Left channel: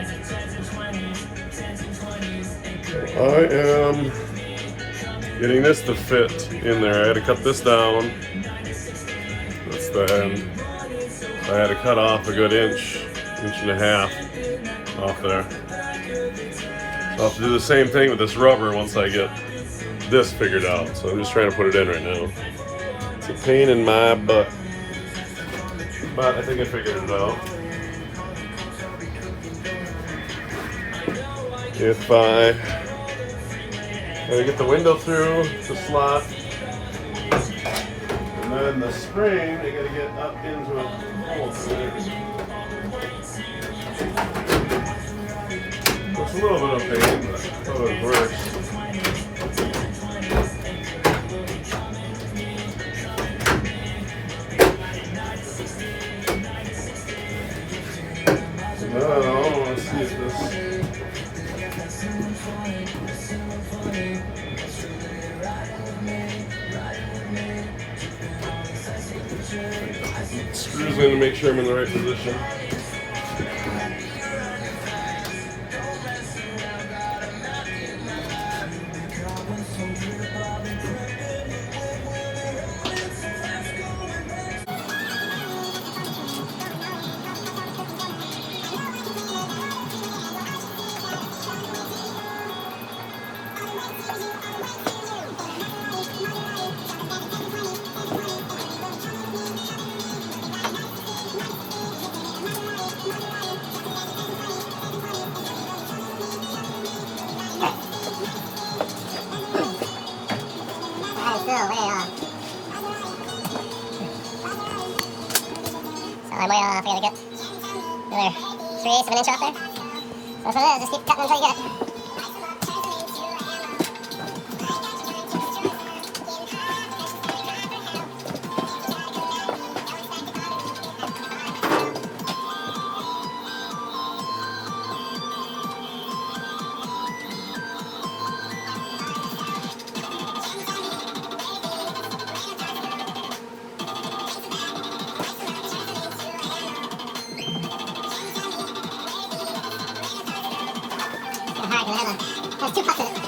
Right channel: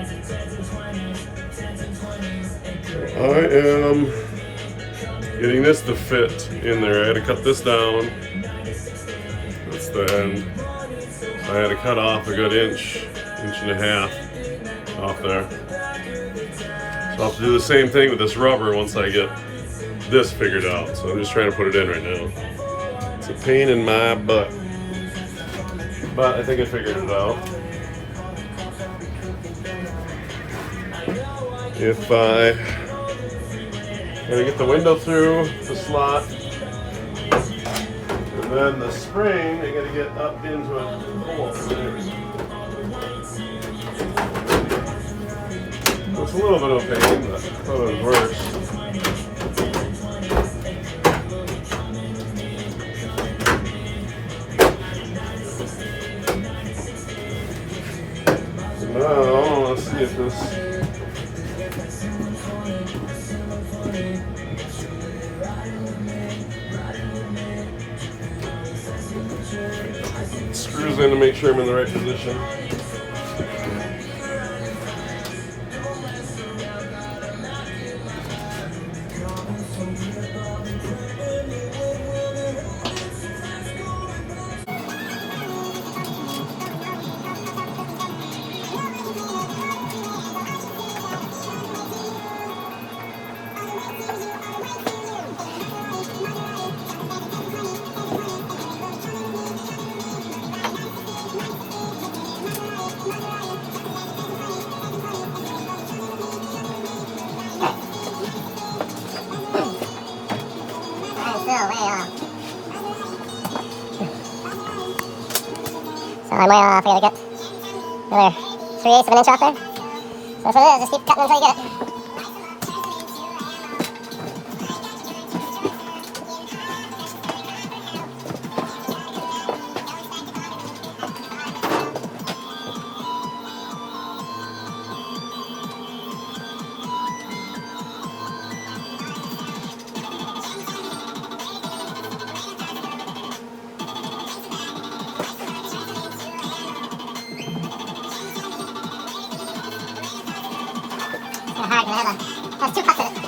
I am getting this to fit in there. I had to cut this down. That's the end. So I had to cut off a good inch and a half off there. So I'll have to do the same thing with this rubber once I get this figured out. So I'm just trying to put it in right now. It's a pain in my butt, but I think I figured it out. If I gotta get the window through the slot, and then the spring, I gotta get up into a hole. It's a little bit of pain, but I thought it would work. So now, let's see if this. Screws in to make sure I'm in the right position. So I'm way off. I gotta get another 3/8 of an inch off there. That's what it is. Just keep cutting until you get it. Hard, and has two cuts in it.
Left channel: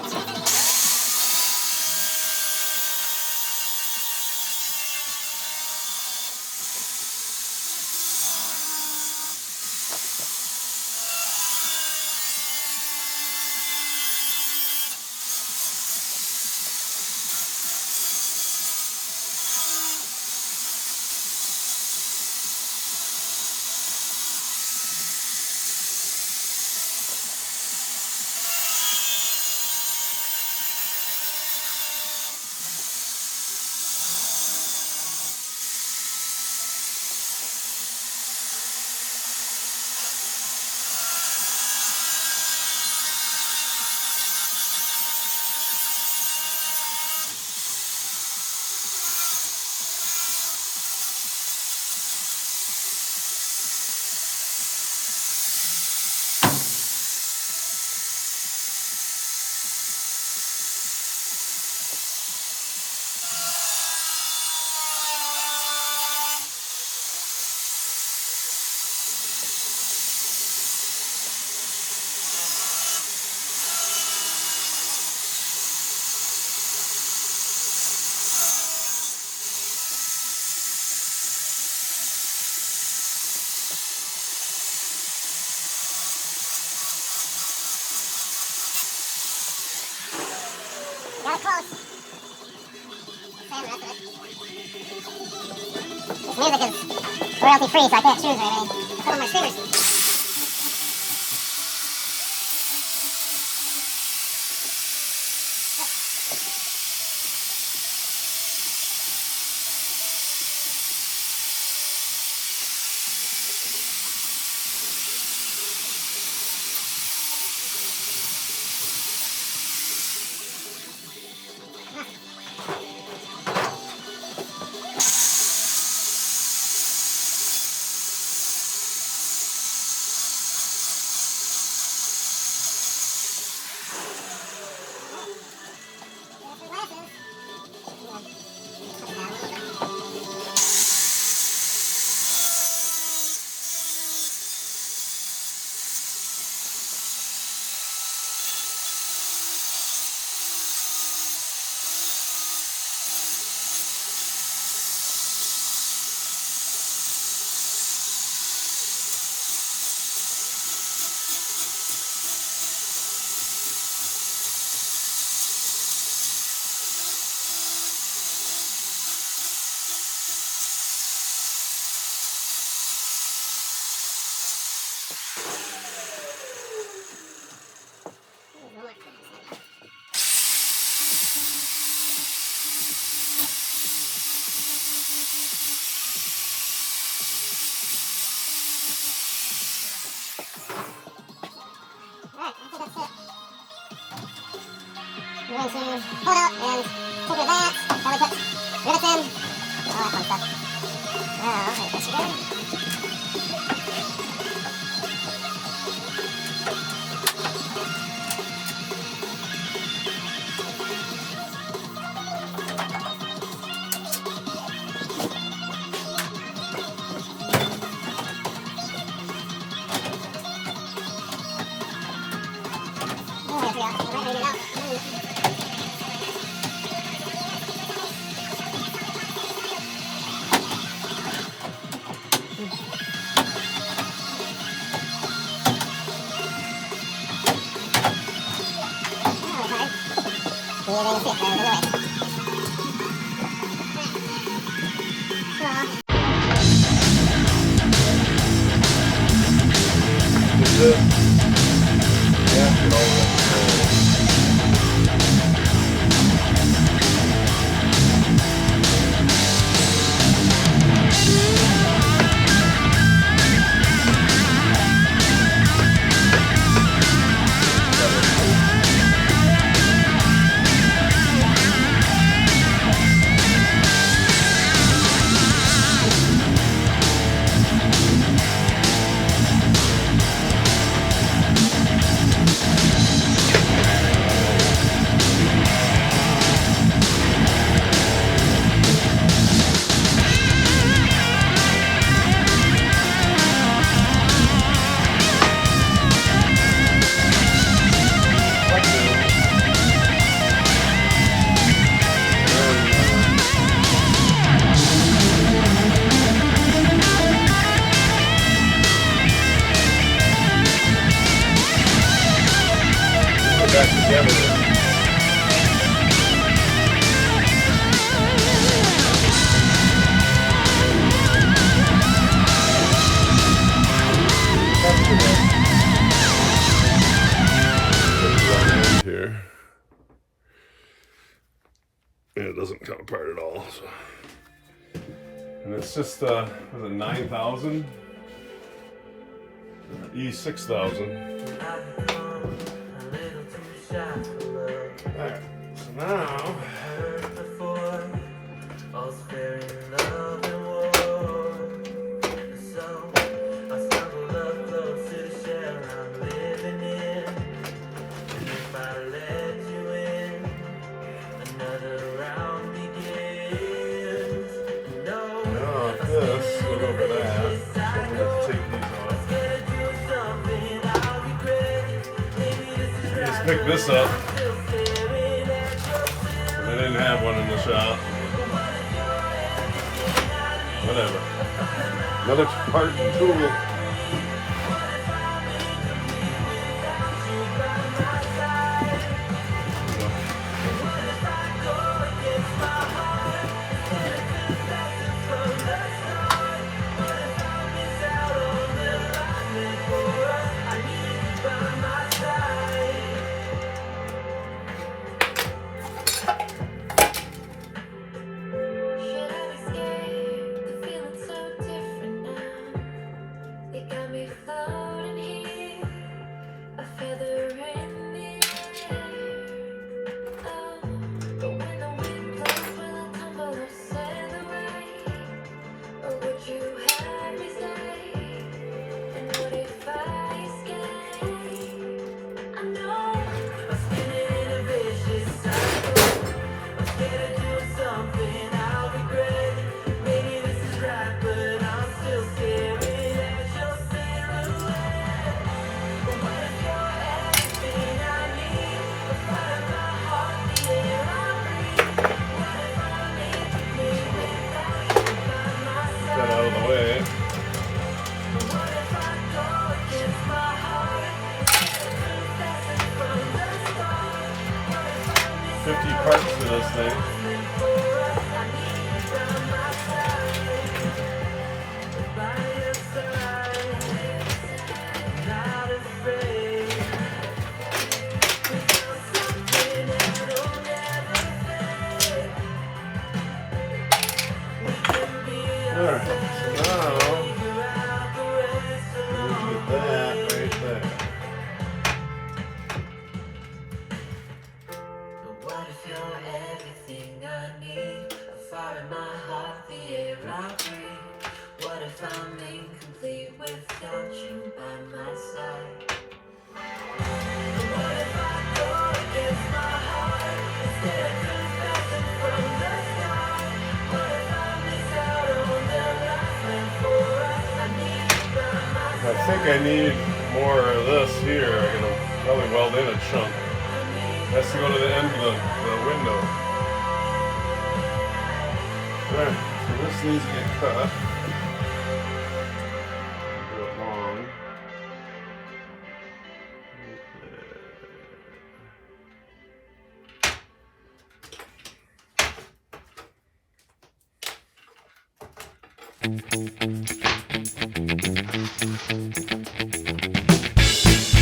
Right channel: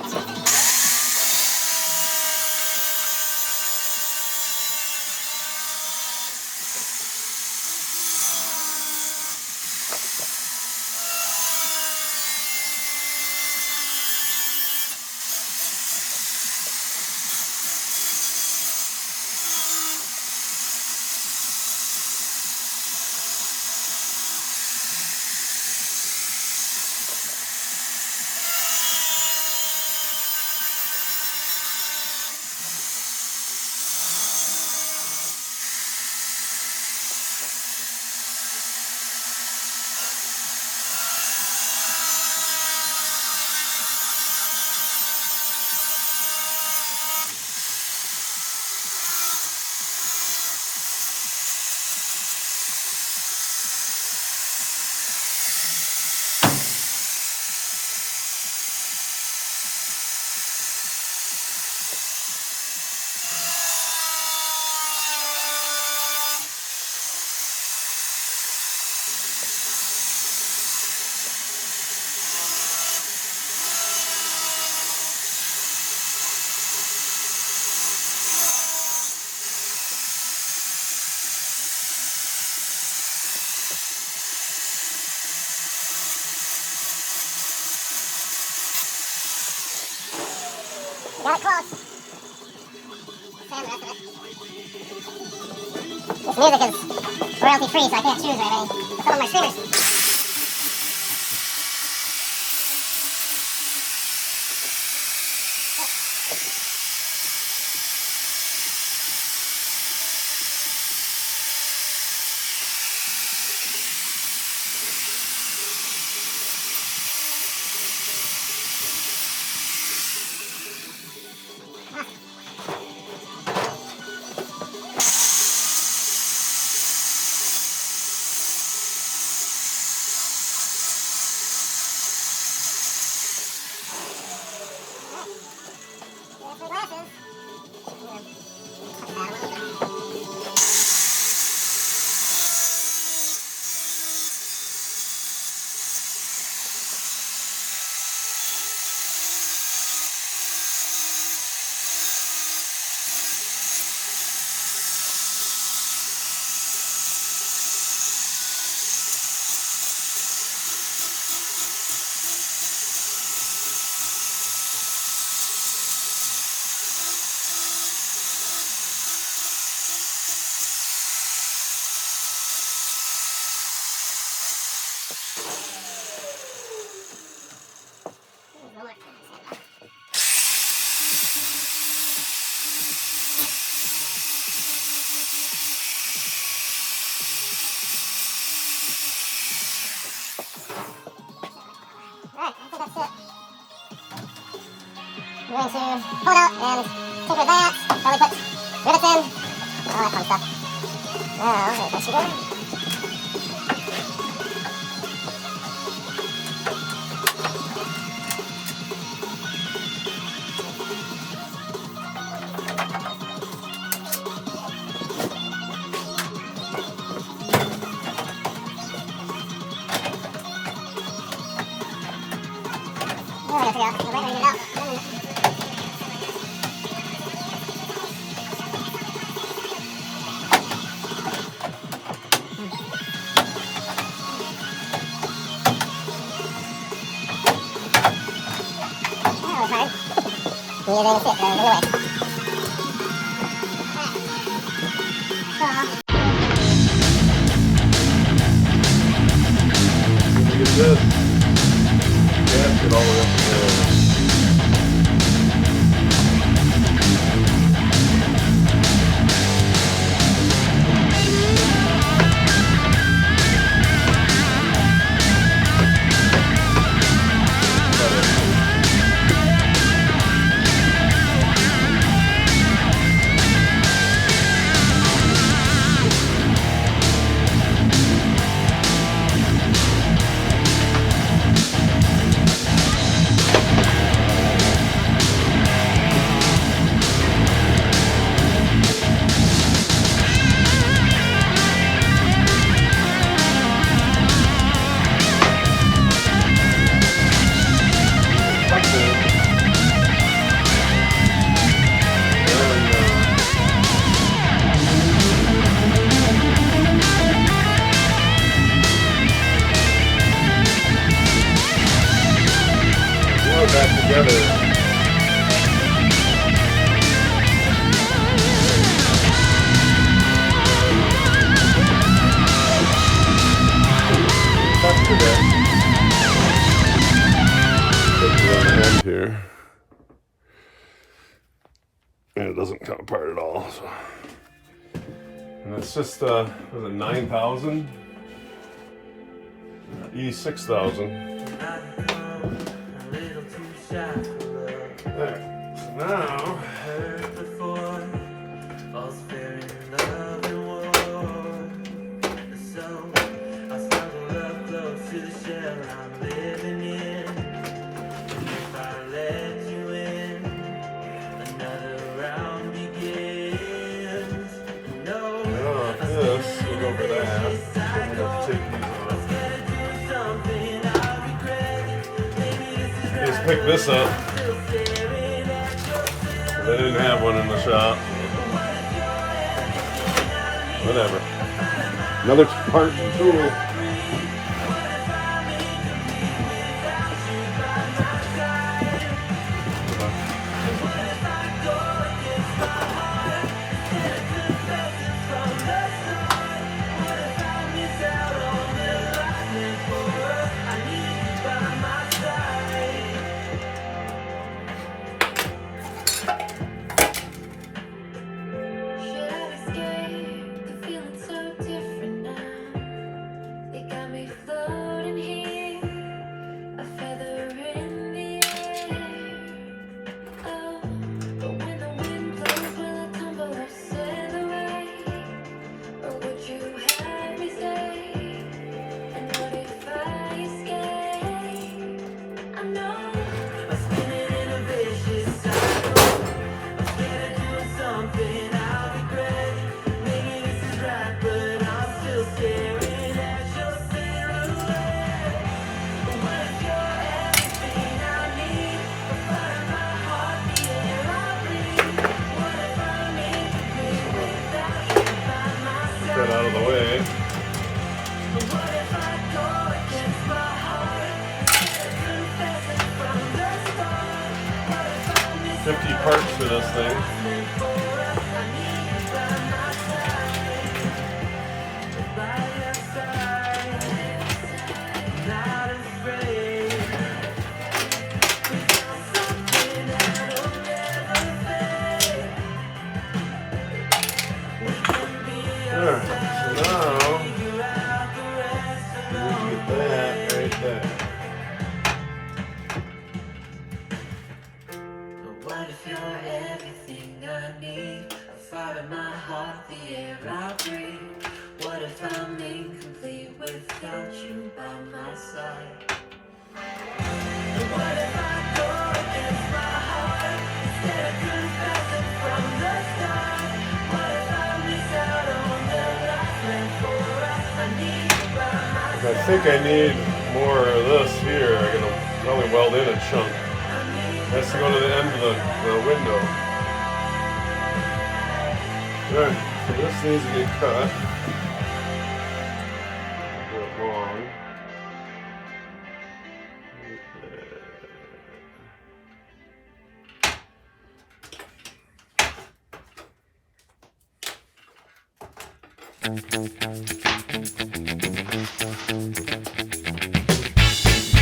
Got it close. Sand the rest of it. This music is royalty free, so I can't choose or anything. It's some of my streamers. going to pull it out and tinker that. Probably put rivets in, all that fun stuff. Oh, there she goes. Get this gasket all the way up there. Back together. That's the best. Here. And it doesn't come apart at all. So. And it's just was it 9,000? E6000. Alright, so now this, we'll go for that. I'm going to take these off. Just pick this up. I didn't have one in the shop. Whatever. Another part and tool. Out of the way. 50 parts to this thing. Alright, so now we get that right there. think I need more of this here. I'm gonna probably weld in a chunk. That's to go to the end of the window. Right, so this needs to be cut. A bit long.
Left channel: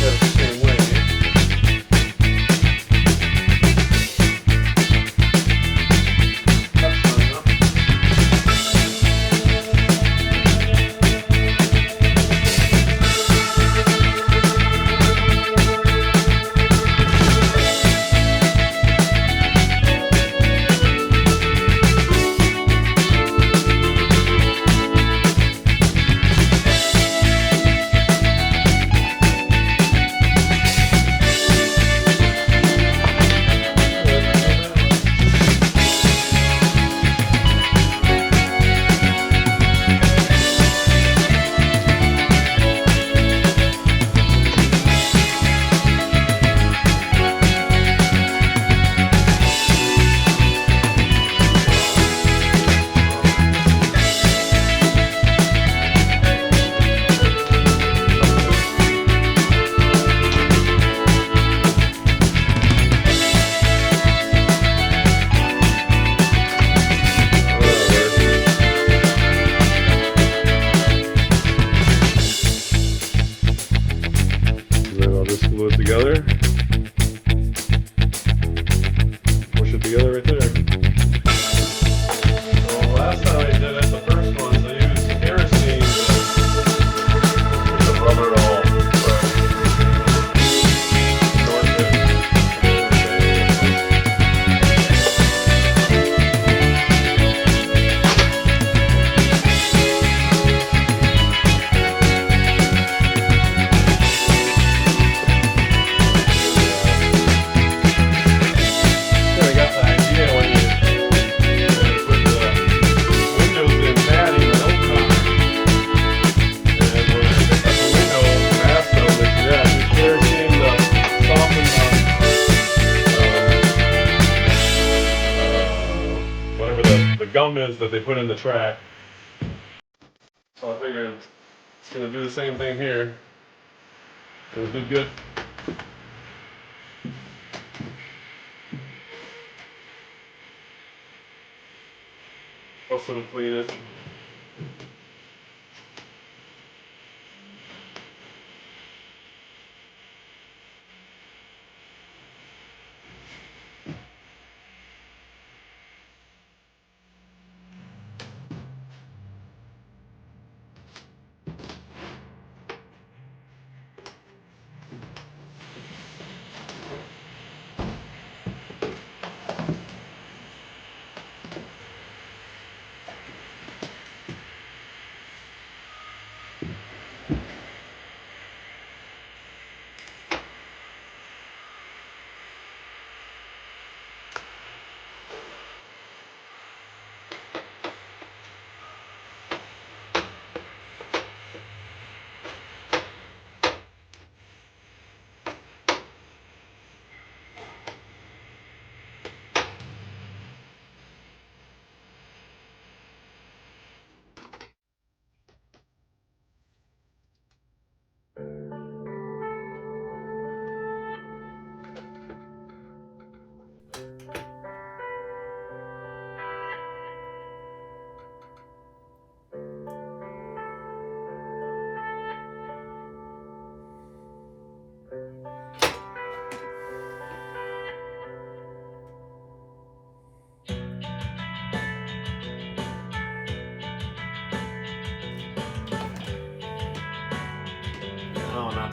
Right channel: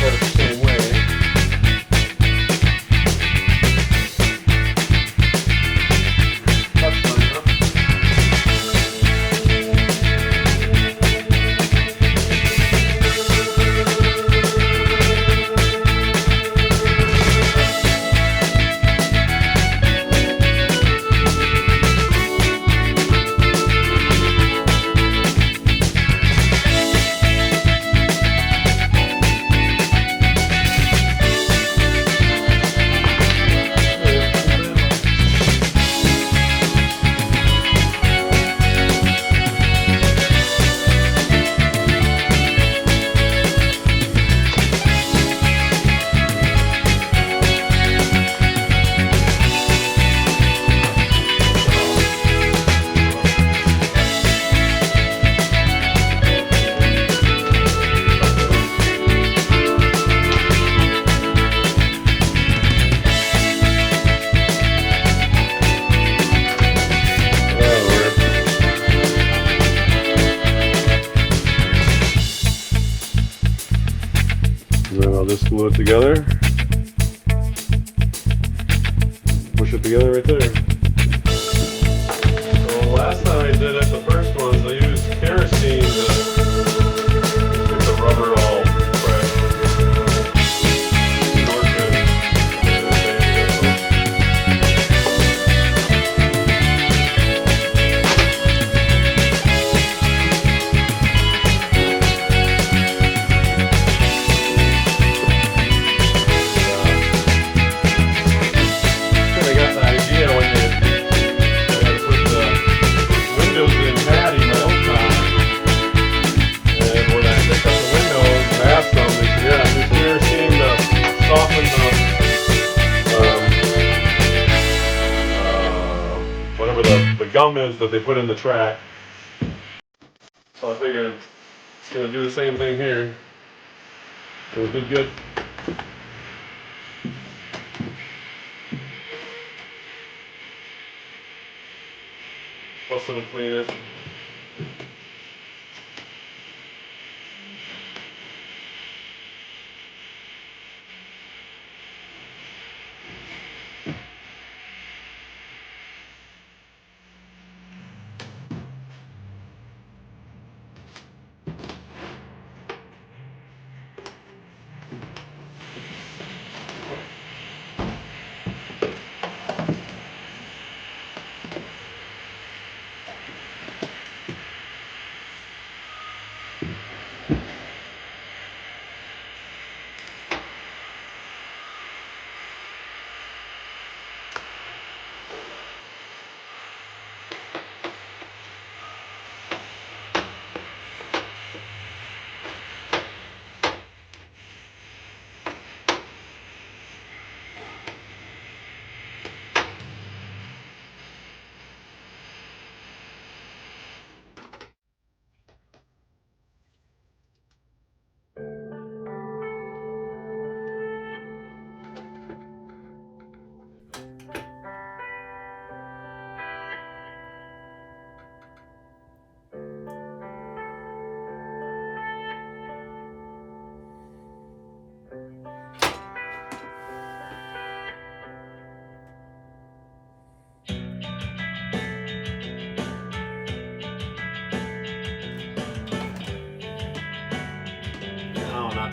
Cut it the same way. That's fine enough. Then I'll just glue it together. Push it together right there. So last time I did it, the first ones, I used kerosene to get the rubber all fresh. The gum is that they put in the track. So I figured it's gonna do the same thing here. It did good. Also to clean it.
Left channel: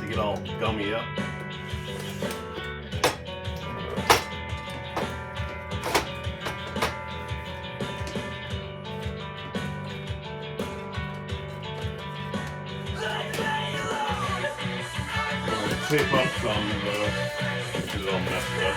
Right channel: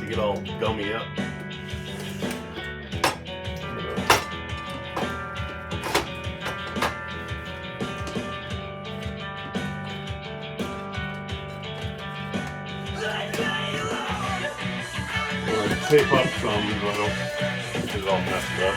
Get all gummy up. Tape up some, which is all messed up.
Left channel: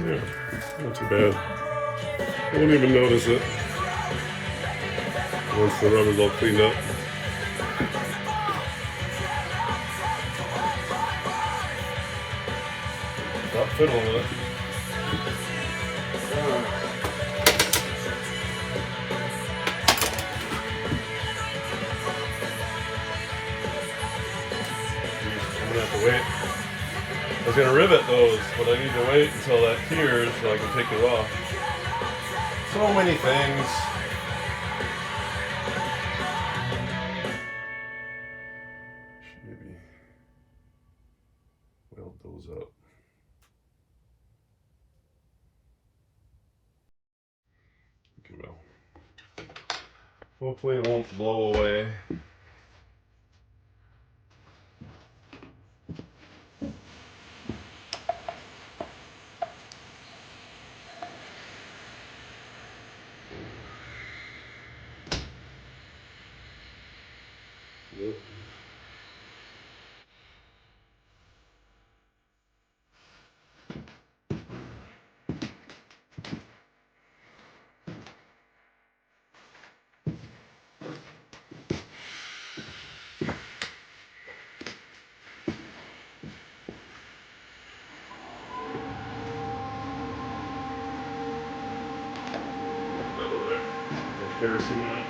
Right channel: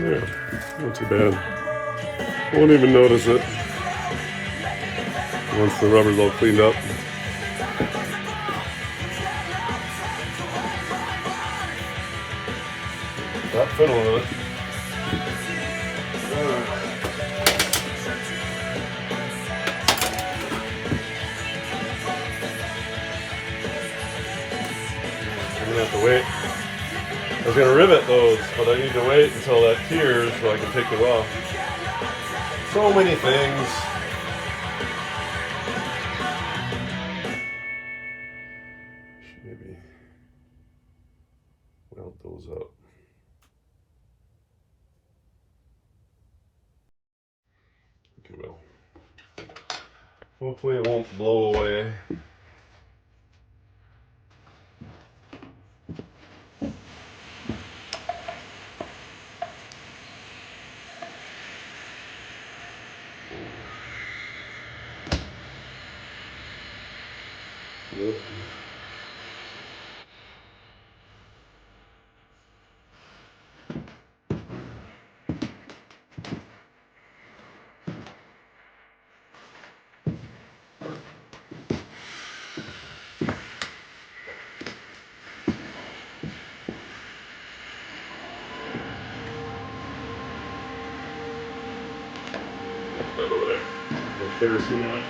Yeah, not too bad. Won't even notice it once the rubber's all cleaned up. Stop fiddling with it. I'm gonna have to wait. I was gonna rivet those, but I need to wait until that clears so I can take it off. So many things. Maybe weld those up. Okay, well. Hopefully it won't blow away. Yep. Right over there. No kerosene on it.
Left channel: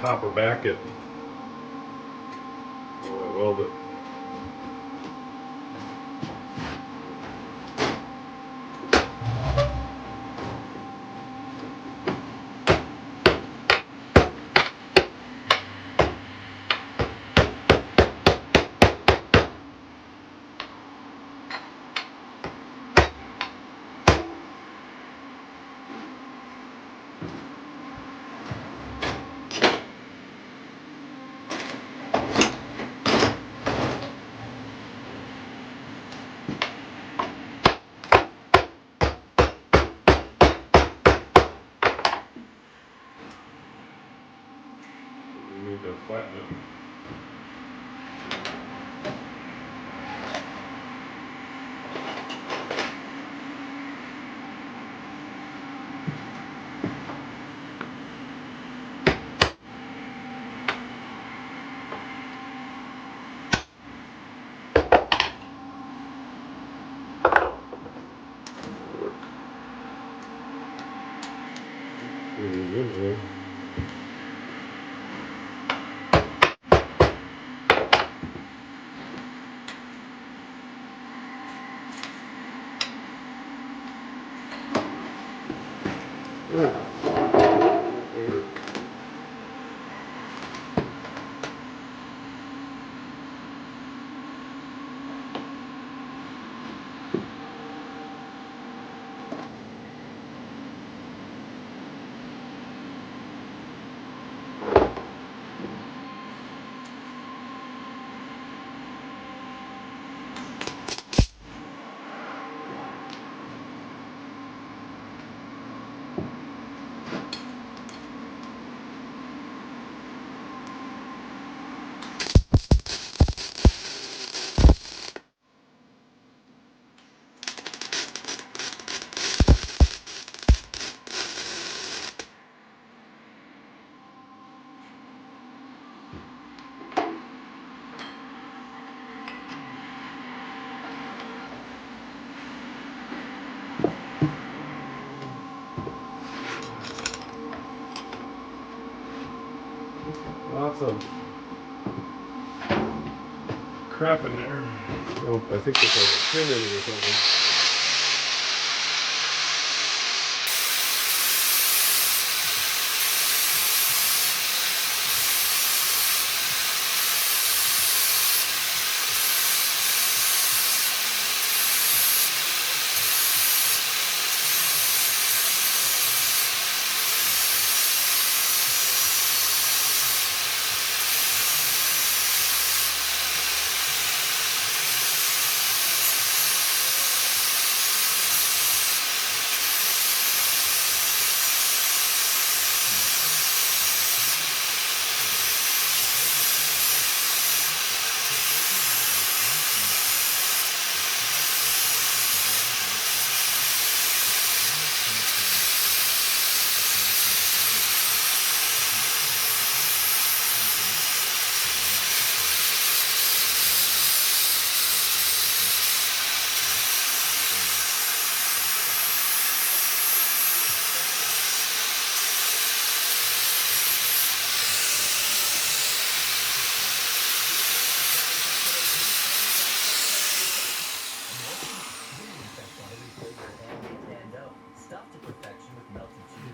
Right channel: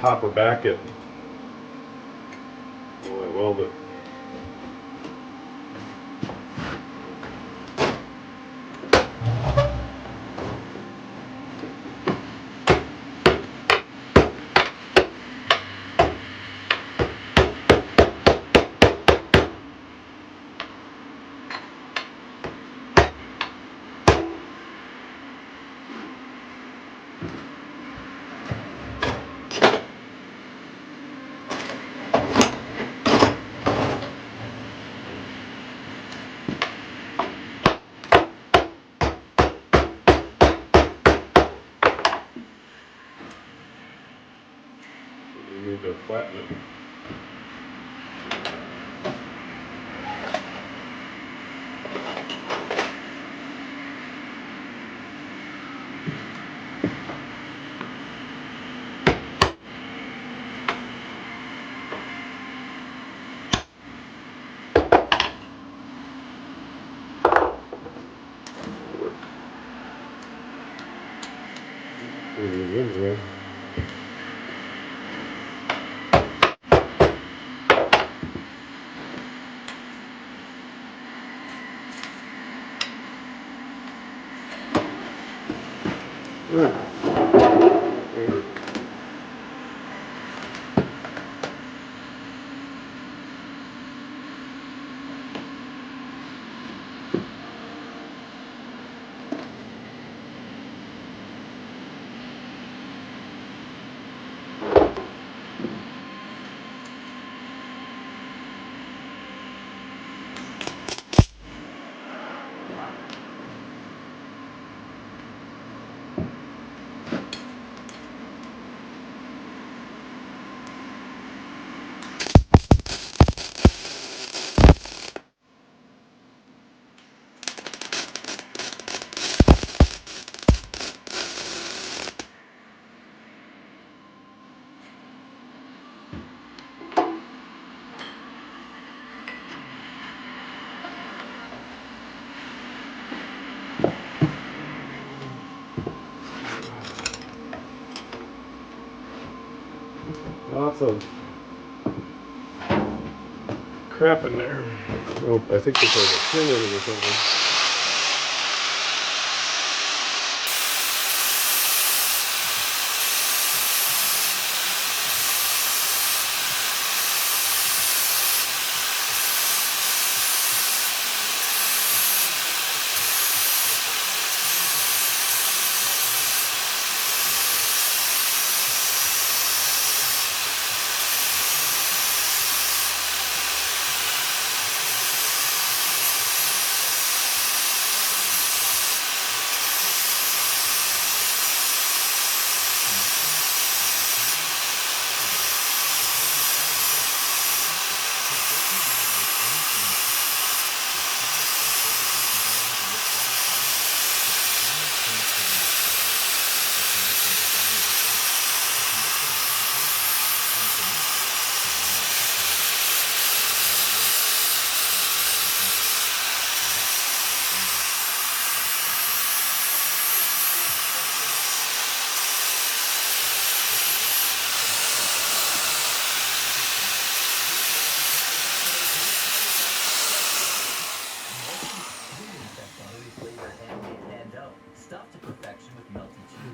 Copper back it while I weld it. hinge there. Lots of crap in there. Oh, I think there's like a pin in it or something.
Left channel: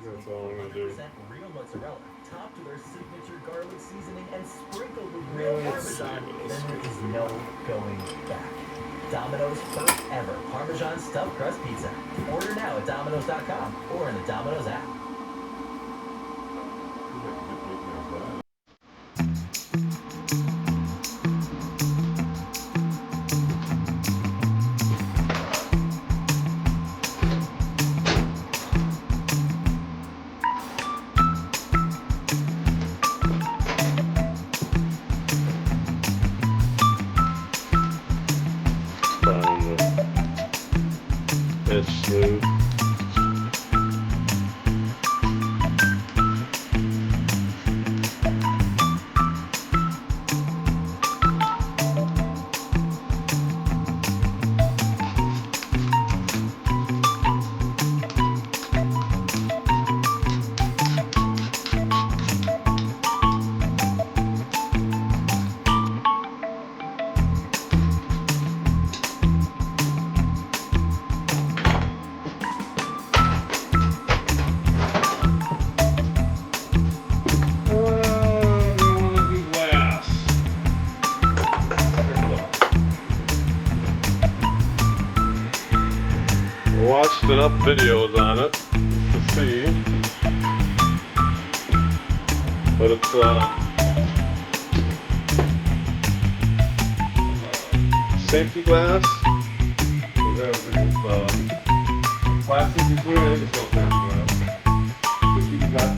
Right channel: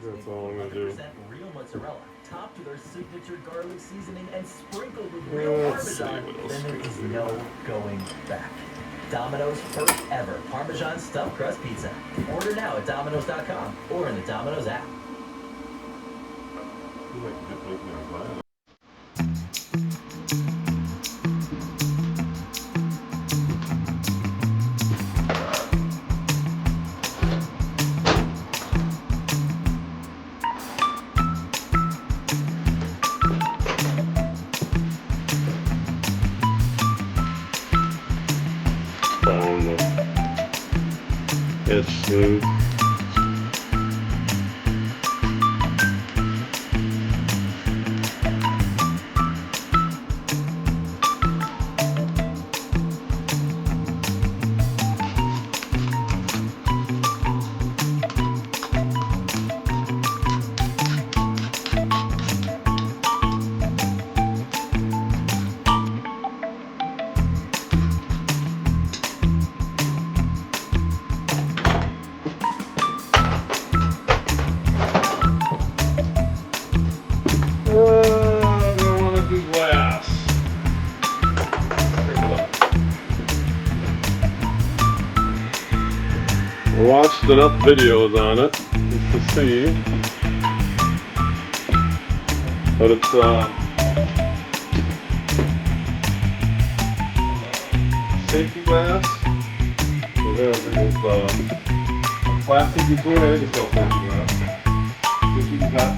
That's all I'm gonna do. Real mozzarella, topped with our signature garlic seasoning and sprinkled with real Parmesan, then there is no going back. Domino's first ever Parmesan stuffed crust pizza. Order now at Domino's.com or in the Domino's app. Edge smooth. Watched enough videos on it to see, but it's safety glass. There's plastic between. I think it's still plastic enough. If you've got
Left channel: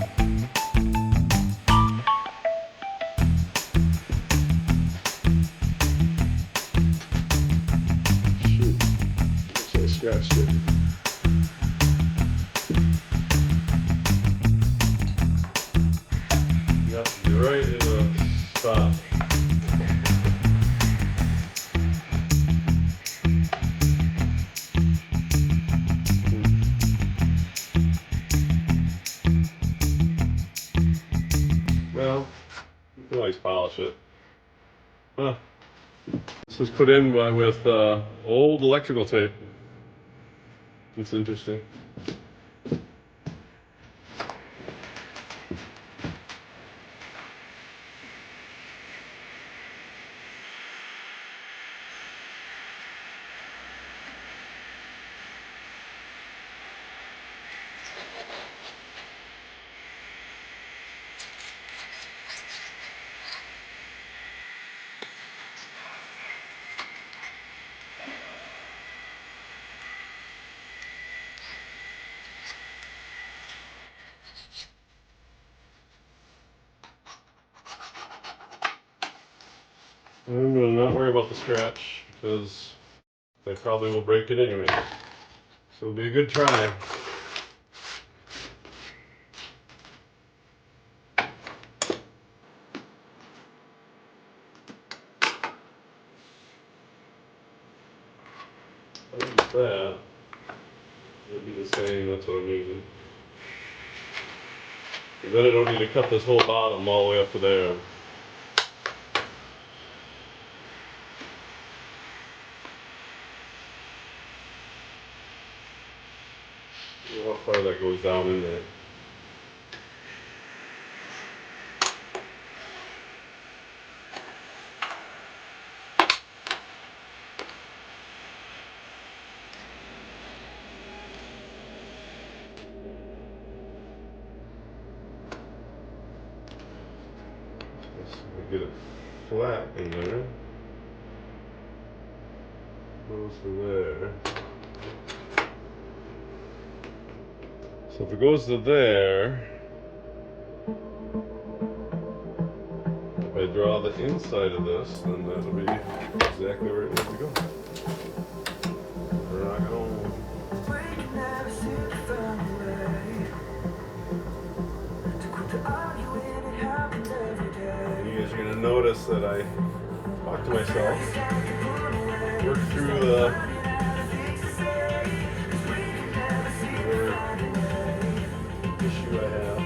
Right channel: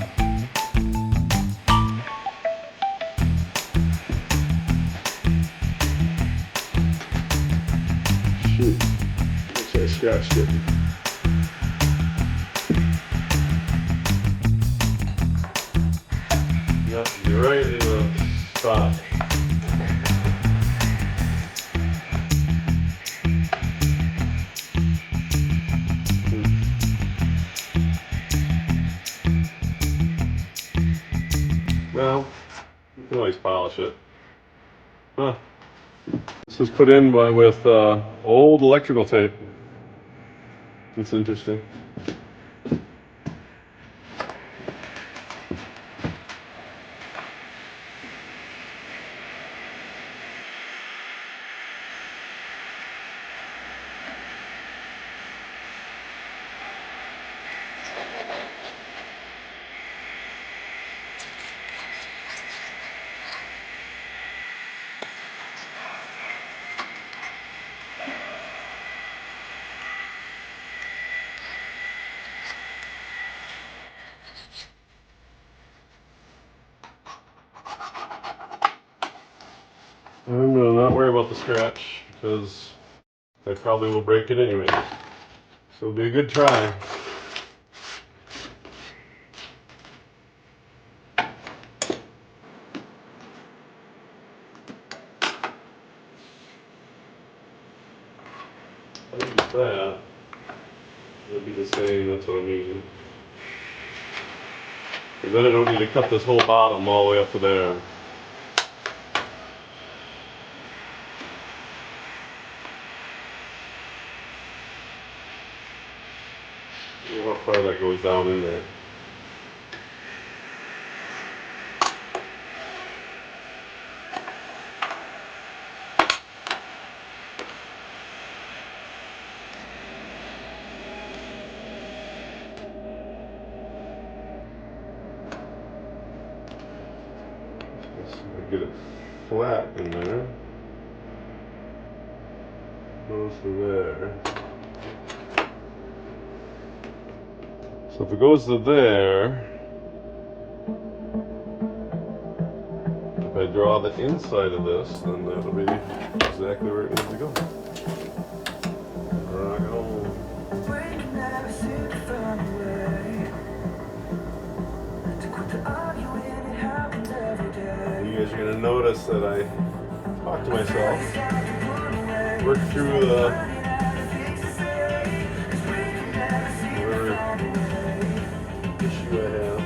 scratched it. Yep, you're right in the spot. polish it. Huh. This is put in with old electrical tape. It's interesting. I'm gonna not worry about the scratch because I probably will break it anyway. So it'll be a good try. If I use that, it'll be the same, that's what I mean. And then I don't need to cut this whole bottom all the way up to there. See how far that goes down in there. Get it flat in there. Goes to there. So if it goes to there, if I draw the inside of this, then that'll be exactly where it needs to go. Rock on. You guys are gonna notice that I talk to myself, work through the issue I have.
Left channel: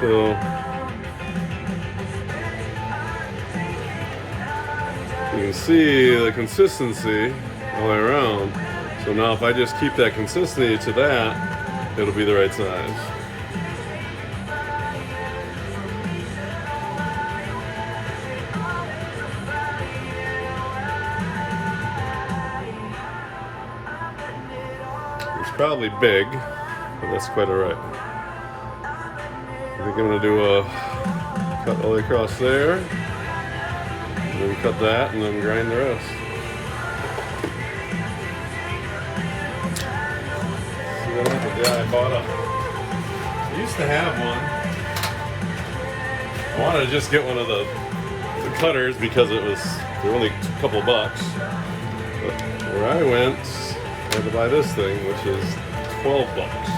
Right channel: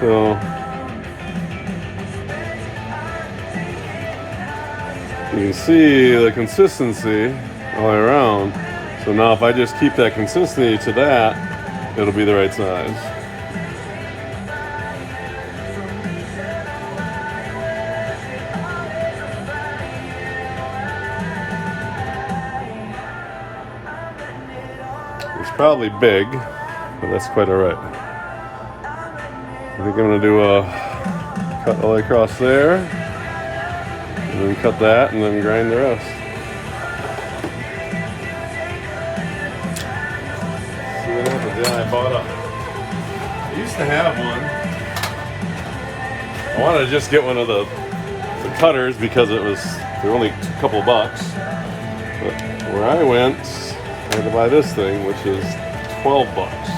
So you can see the consistency all around. So now if I just keep that consistency to that, it'll be the right size. It's probably big, but that's quite alright. I think I'm going to do a cut all the way across there, and then cut that, and then grind the rest. Yeah, I bought I used to have one. I wanted to just get one of the cutters because they were only a couple of bucks. But where I went, I had to buy this thing, which is 12 bucks.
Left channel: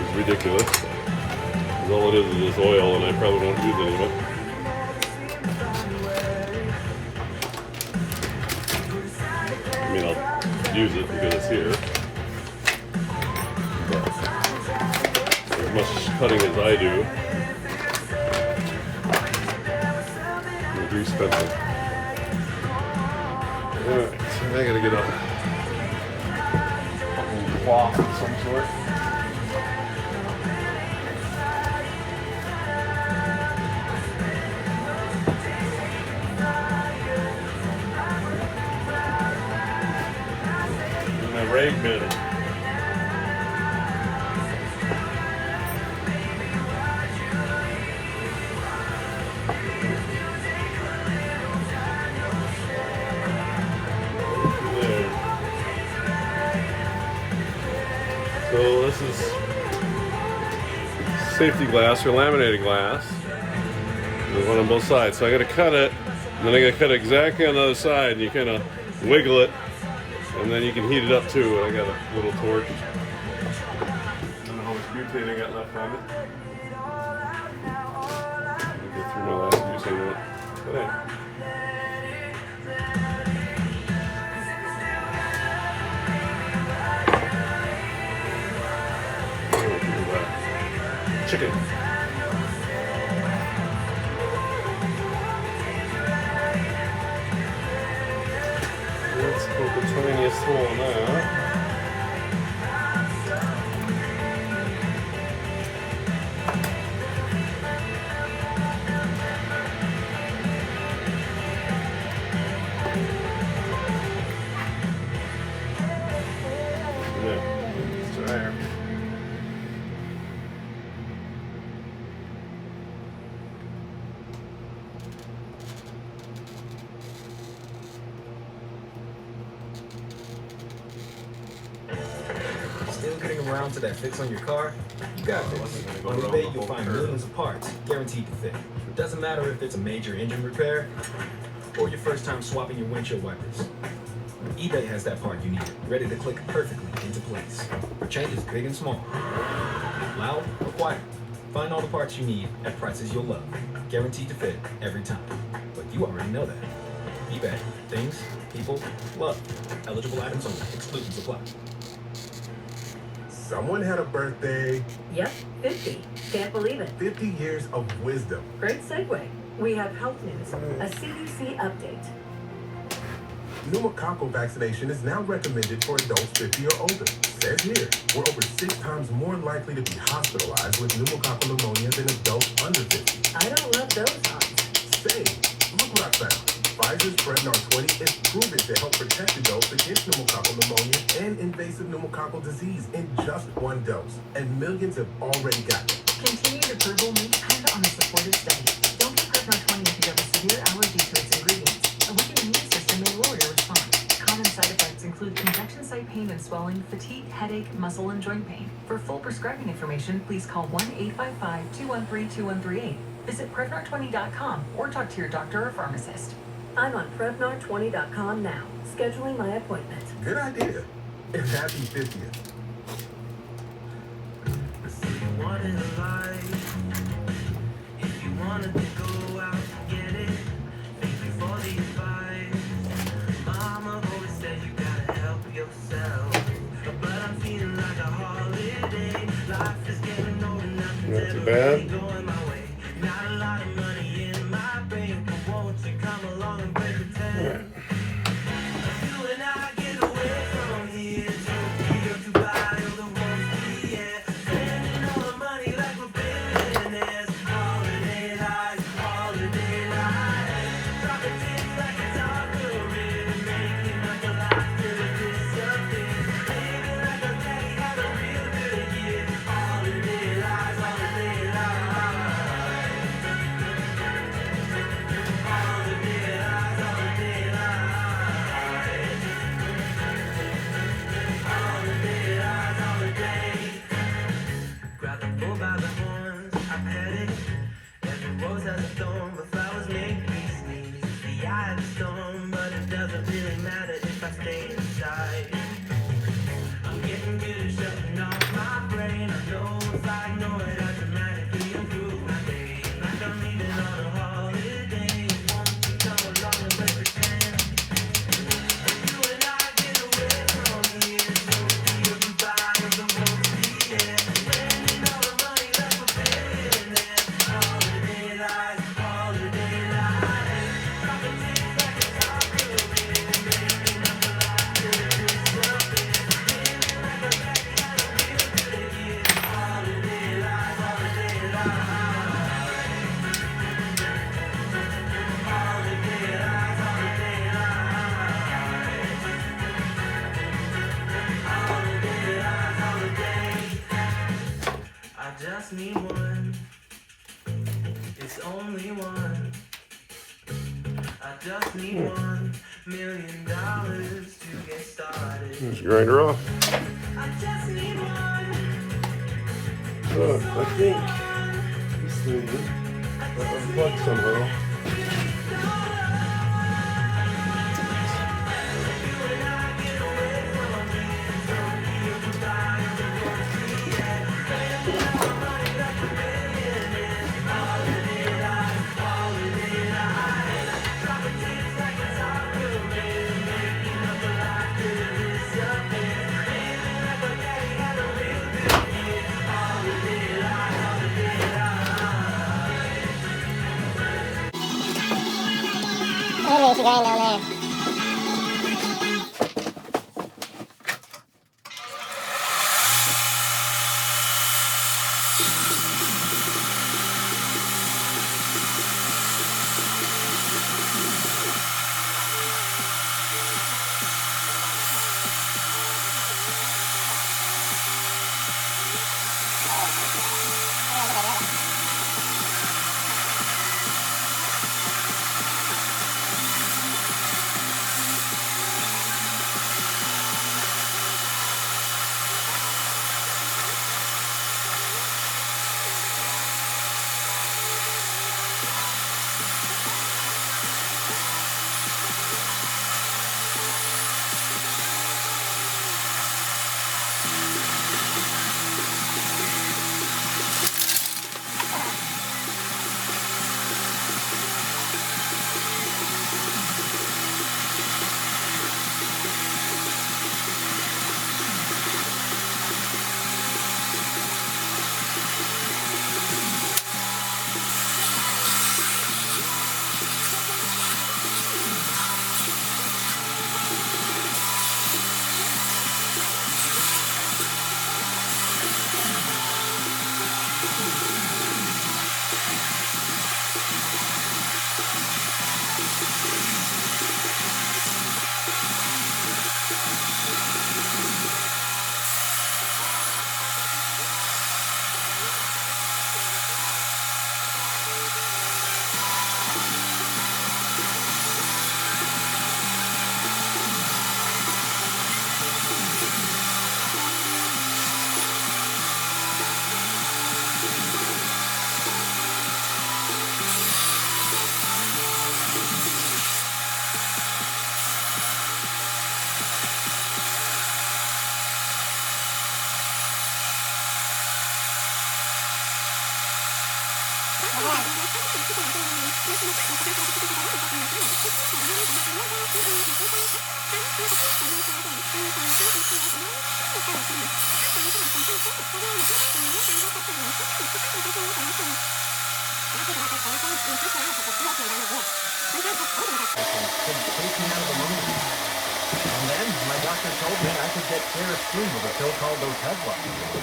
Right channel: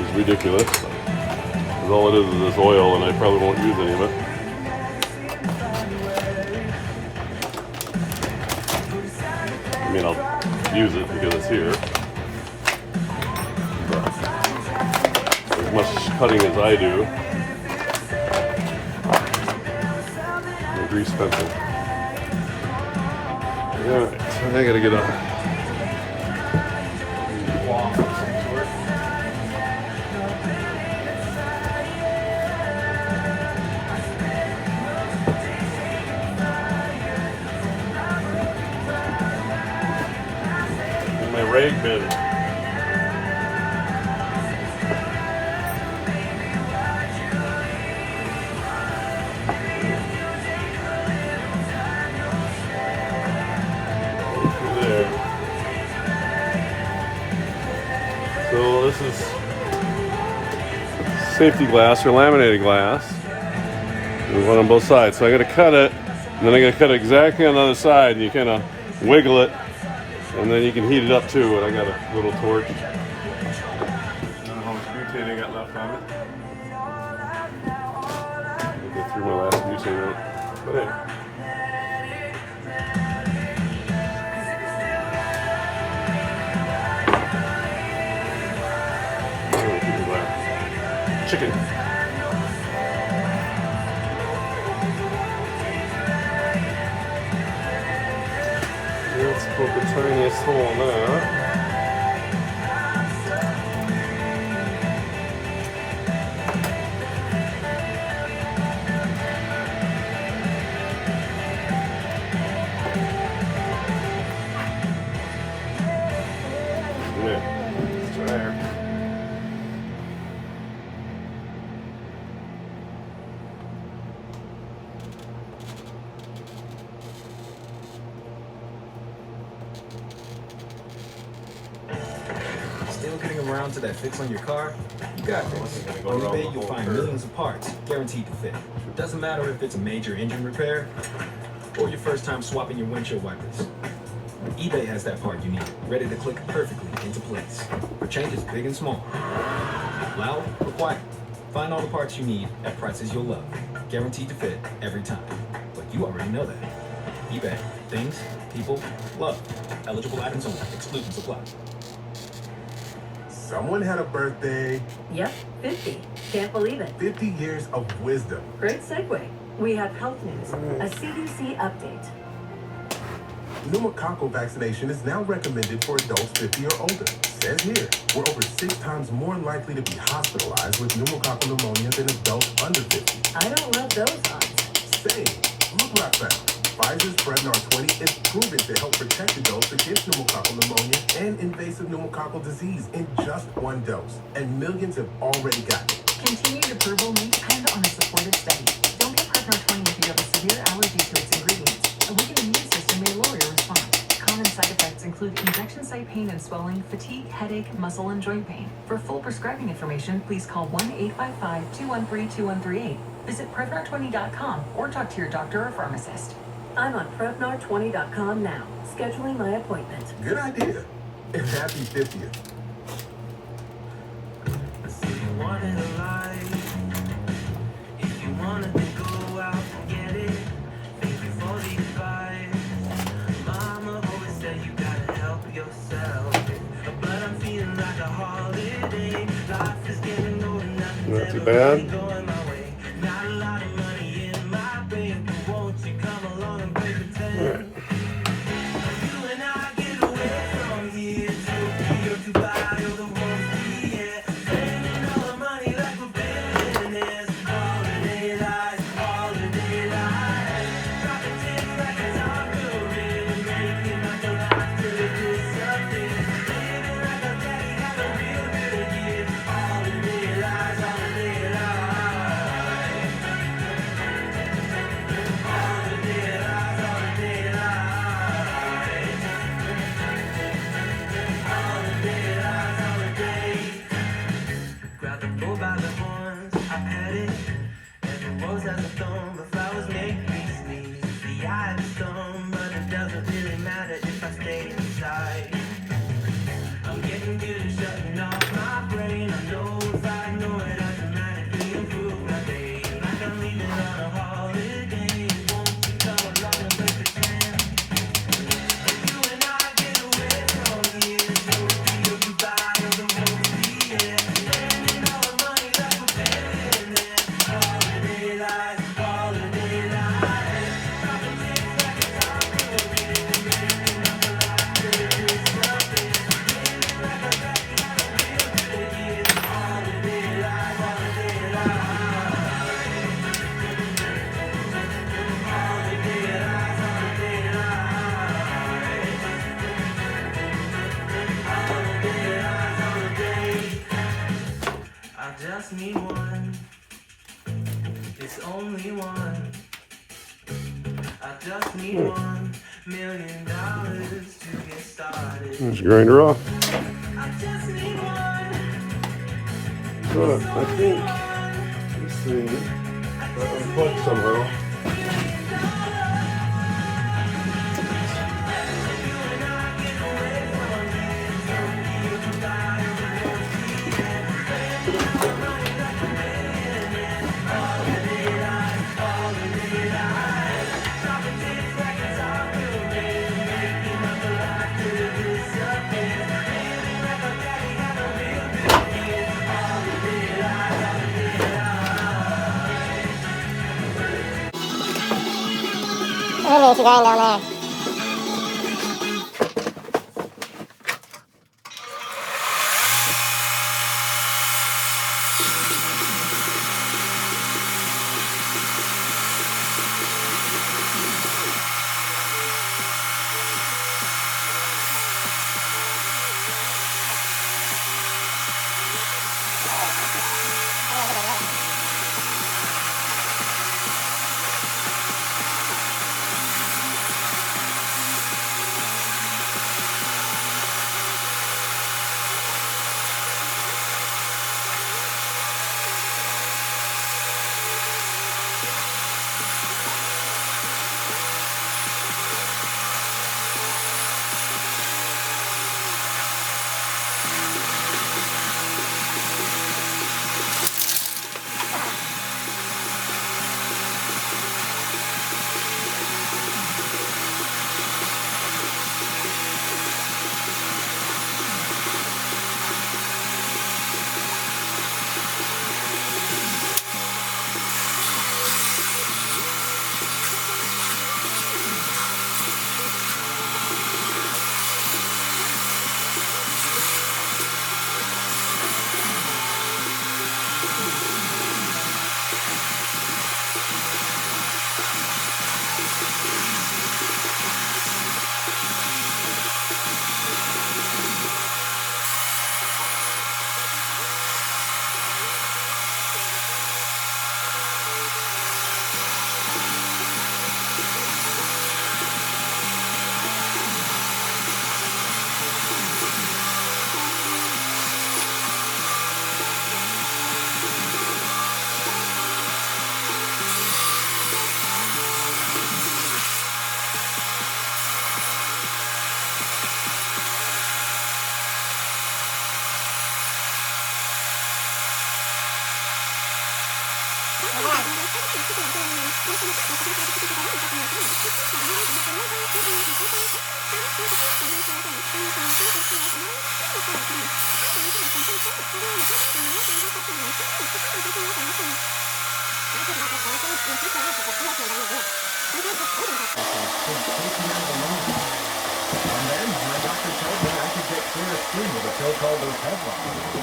Which is ridiculous. Because all it is this oil, and I probably won't use any of it. I mean, I'll use it because it's here. As much cutting as I do. And grease pencil. Alright, so I gotta get a cloth of some sort. And my rag bit. So this is safety glass or laminated glass. We want on both sides. So I got to cut it, and then I got to cut it exactly on the other side, and you kind of wiggle it, and then you can heat it up too. And I got a little torch. I don't know how much butane I got left on it. I'll get through my last butane on it. But hey. chicken. Let's poke the tiniest hole in that. Still getting around to that fix on your car? You got this. On eBay, you'll find millions of parts, guaranteed to fit. Doesn't matter if it's a major engine repair or your first time swapping your windshield wipers. eBay has that part you need, ready to click perfectly into place for changes big and small. Loud or quiet, find all the parts you need at prices you'll love, guaranteed to fit every time. But you already know that. eBay, things, people, love. Eligible items only, exclusions apply. Someone had a birthday. Yep, 50. Can't believe it. 50 years of wisdom. Great segue. We have health news. A CDC update. Pneumococcal vaccination is now recommended for adults 50 or older. Says here, we're over 6 times more likely to be hospitalized with pneumococcal pneumonia than adults under 50. I don't love those odds. Same. Look what I found. Pfizer's Prevnar 20 is proven to help protect adults against pneumococcal pneumonia and invasive pneumococcal disease in just 1 dose. And millions have already gotten it. Continued approval may depend on a supportive study. Don't get Prevnar 20 if you have a severe allergy to its ingredients. A weakened immune system may lower your response. Common side effects include injection site pain and swelling, fatigue, headache, muscle, and joint pain. For full prescribing information, please call 1-855-213-2138. Visit Prevnar20.com or talk to your doctor or pharmacist. I'm on Prevnar20.com now, scheduling my appointment. Good idea. And happy 50th. So you wanted a life. If you wanted to go out and get it, thank you for the advice. Mama always said you gotta help yourself. But I'm feeling like a holiday. Life is getting old and nothing's Not too ever bad. really going my way. Not a lot of money in my bank, but won't you come along and break the 10? You and I get away from here, Tokyo, Dubai, or the world, yeah. Spending all the money like we're billionaires. Holiday life, holiday life. Dropping things like a taco, really making like a life till it disappears. Living like a daddy had a real good year. Holiday life, holiday life. Holiday life, holiday life. Holiday life, holiday. Grab the bull by the horns, I've had it. Every rose has a thorn, but flowers make me sneeze. The eye of the storm, but it doesn't really matter if I stay inside. I'm getting good at shutting off my brain. I know if I ignore it, I dramatically improve my day. Like I'm leaving on a holiday. Won't you come along and break the 10? You and I get away from here. Tokyo, Dubai, or the world, yeah. Spending all the money like we're billionaires. Holiday life, holiday life. Dropping things like a taco, really making up a life till it disappears. Living like a daddy had a real good year. Holiday life, holiday life. Holiday life, holiday life. Holiday life, holiday. I just need one. It's only one. I just need $1 million to get started. Let's grind her off. I just need one. I think this thing reflects somehow. Holiday life, holiday life. grinding she grind down there.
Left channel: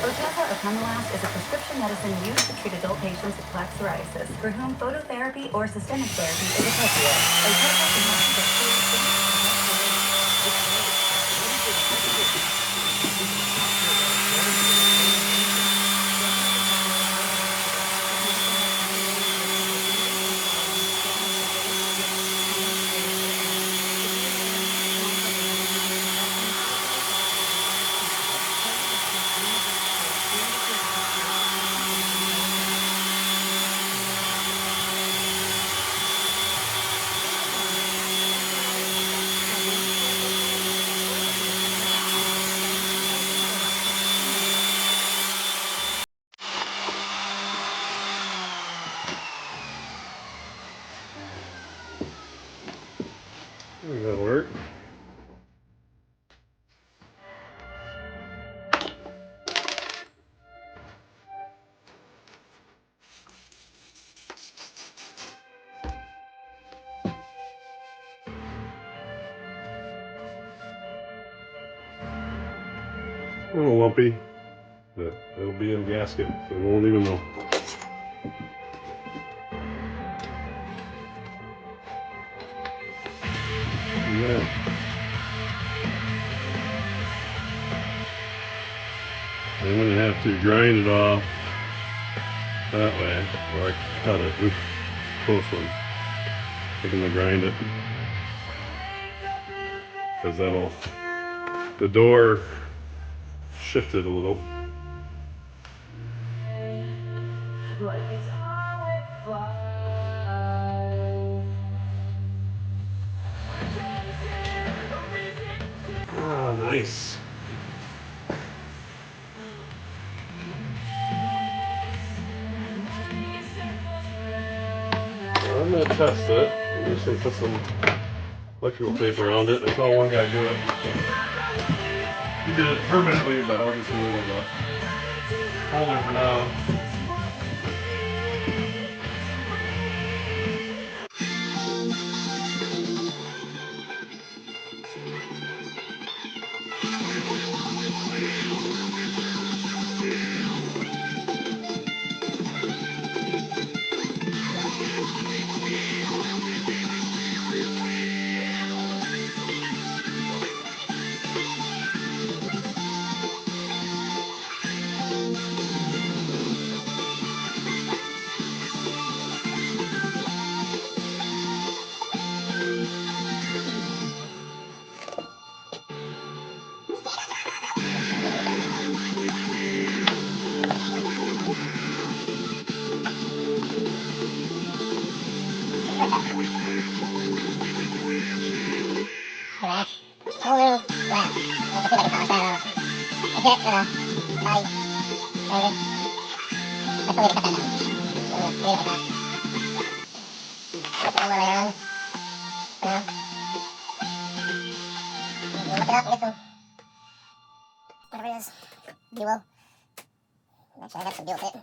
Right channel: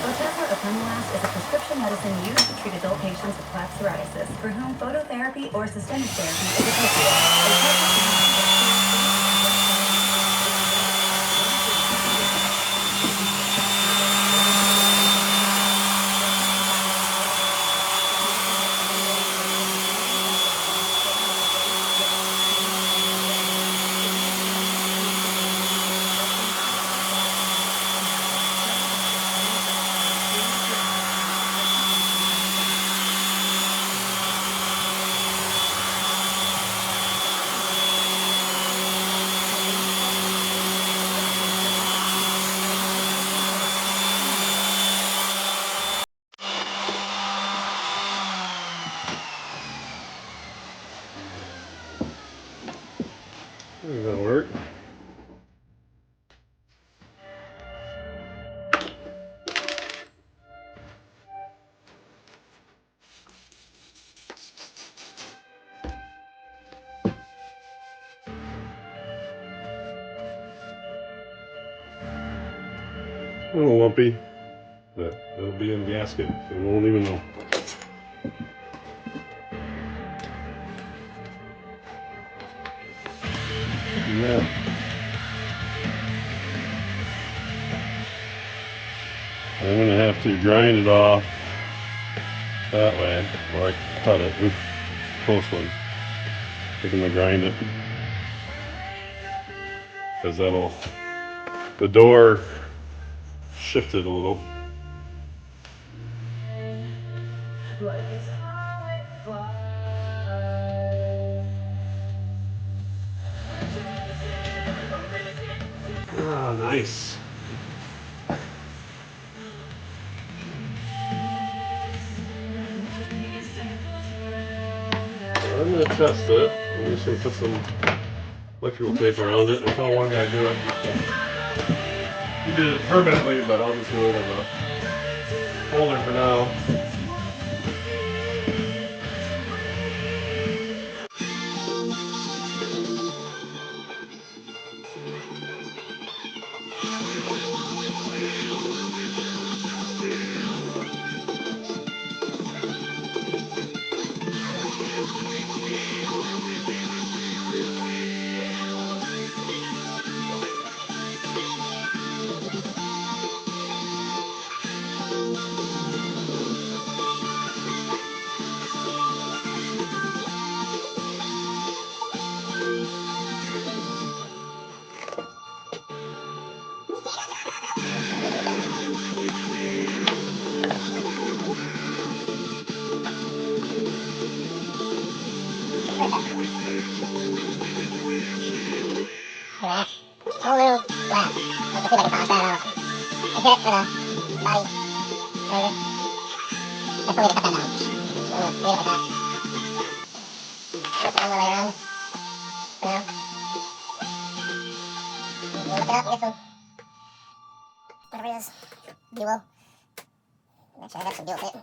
Otezla apremilast is a prescription medicine used to treat adult patients with plaque psoriasis, for whom phototherapy or systemic therapy is appropriate. That'll work. A little lumpy, but it'll be in gasket. So we won't even know. Yeah. I'm gonna have to grind it off that way, or I cut it. Oof, close one. I'm gonna grind it because the door shifted a little. Oh, nice. I'm going to test it. I'm just going to put some electrical tape around it. I saw one guy do it. He did it permanently, but I'll just do it as a holder for now. Maybe. I still need to cut that down. Leave it like that. Put one more layer on. For now. Look it up, get some. Whatever it is. Duo. Actually, I got some dual tape.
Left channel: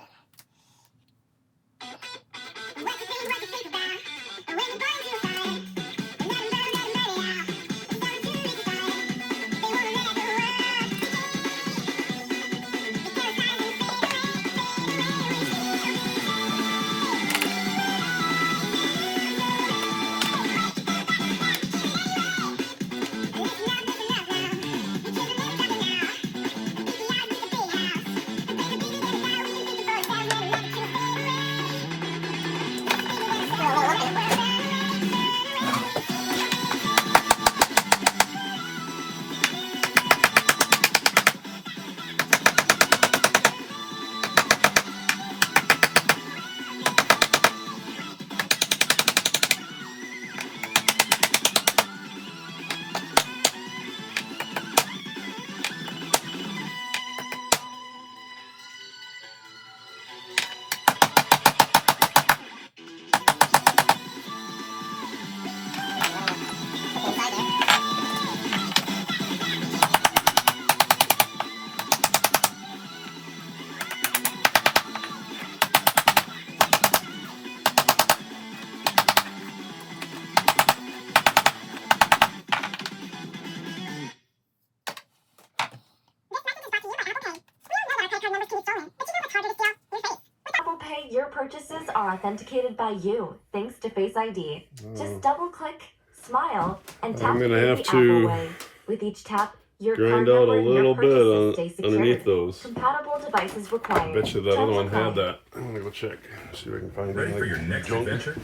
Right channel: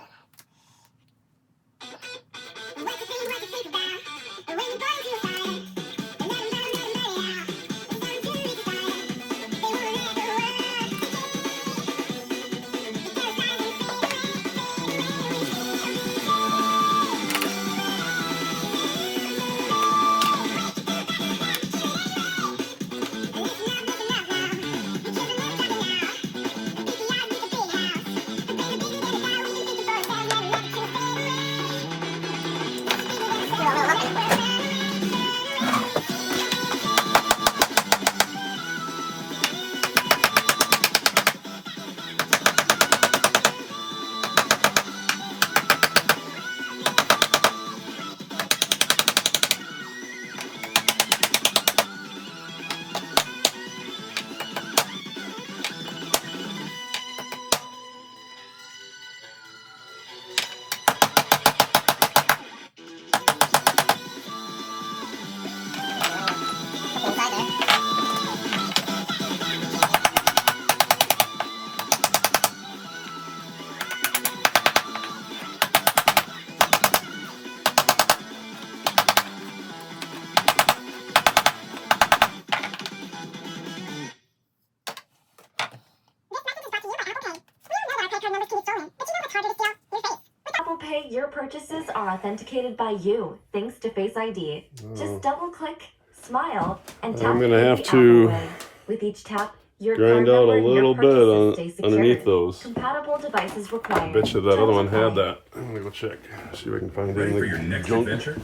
Apple Pay, your purchases are authenticated by you thanks to Face ID. Just double click, smile, and tap I'm to gonna pay have the to Apple Way. With each tap, your grind card out number a and your little purchases bit stay underneath secured. those. Compatible devices required. Bet you that other one had Apply. that. I'm gonna go check. See if I can find Ready any for your next junk. adventure?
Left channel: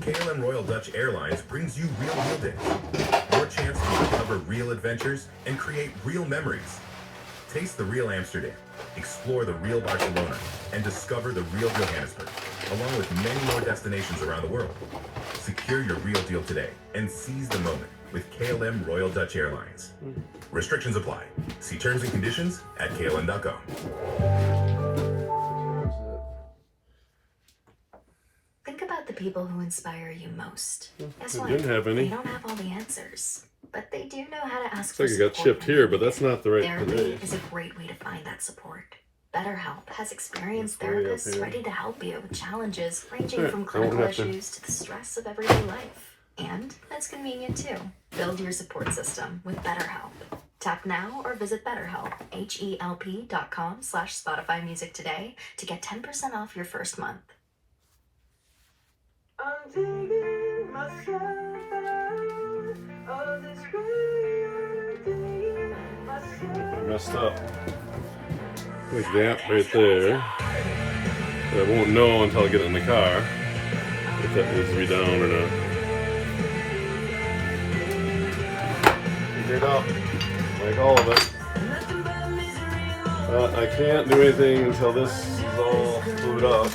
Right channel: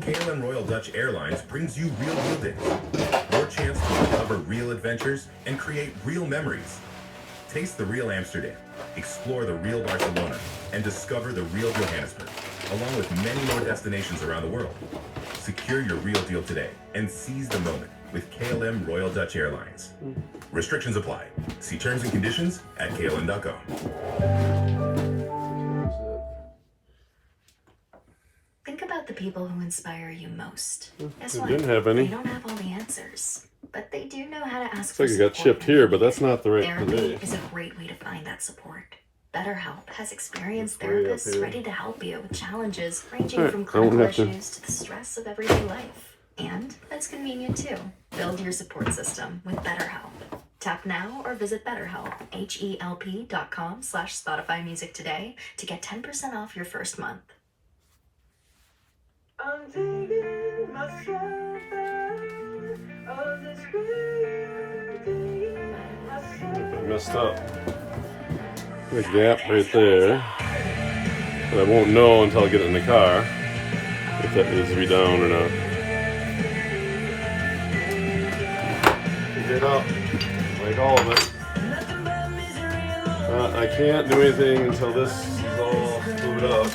KLM Royal Dutch Airlines brings you Real Deal Day. Your chance to uncover real adventures and create real memories. Taste the real Amsterdam, explore the real Barcelona, and discover the real Johannesburg, along with many more destinations around the world. Secure your real deal today and seize the moment with KLM Royal Dutch Airlines. Restrictions apply. See terms and conditions at klm.com. Think about the people who inspire you most. Guess It what? didn't have any. They don't have all the answers, but they do know how to ask Looks for like it got support shipped when here, they but need that's it. not the right Therapy today. is a great way to find that support. BetterHelp has experienced It's way up therapists here. ready to help you with challenges ranging Alright, from don't clinical have to- issues to the stress of everyday life. And that's convenient too. Build your support system with BetterHelp. Tap now or visit BetterHelp, HELP.com/Spotify Music today to get 10% off your first month. I'm taking myself out of this way. I'm taking myself. Messed up. There's a gap right there. But I won't know until I get it in the car if that needs to be down or not. Pick it up, like all of it. I can't do anything until this is all glued up.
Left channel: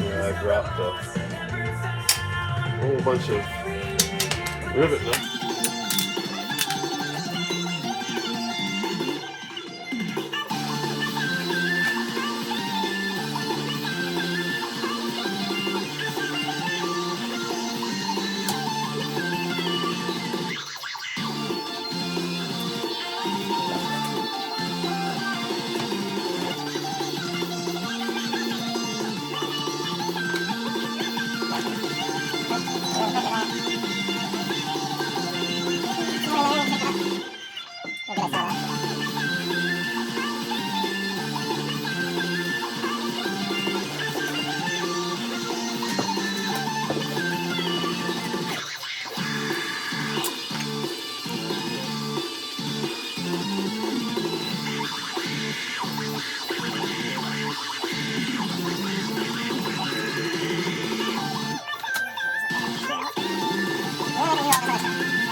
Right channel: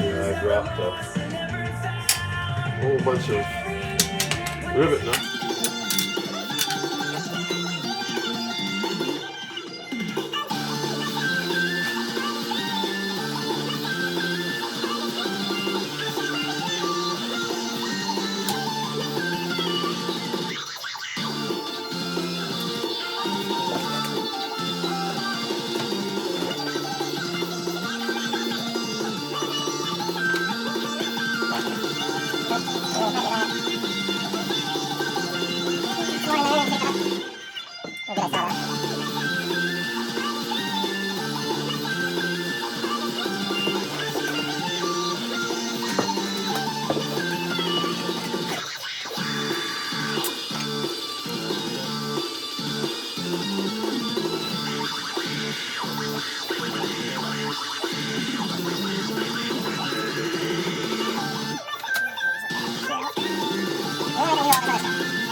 Yeah, I dropped a whole bunch of rivet nuts.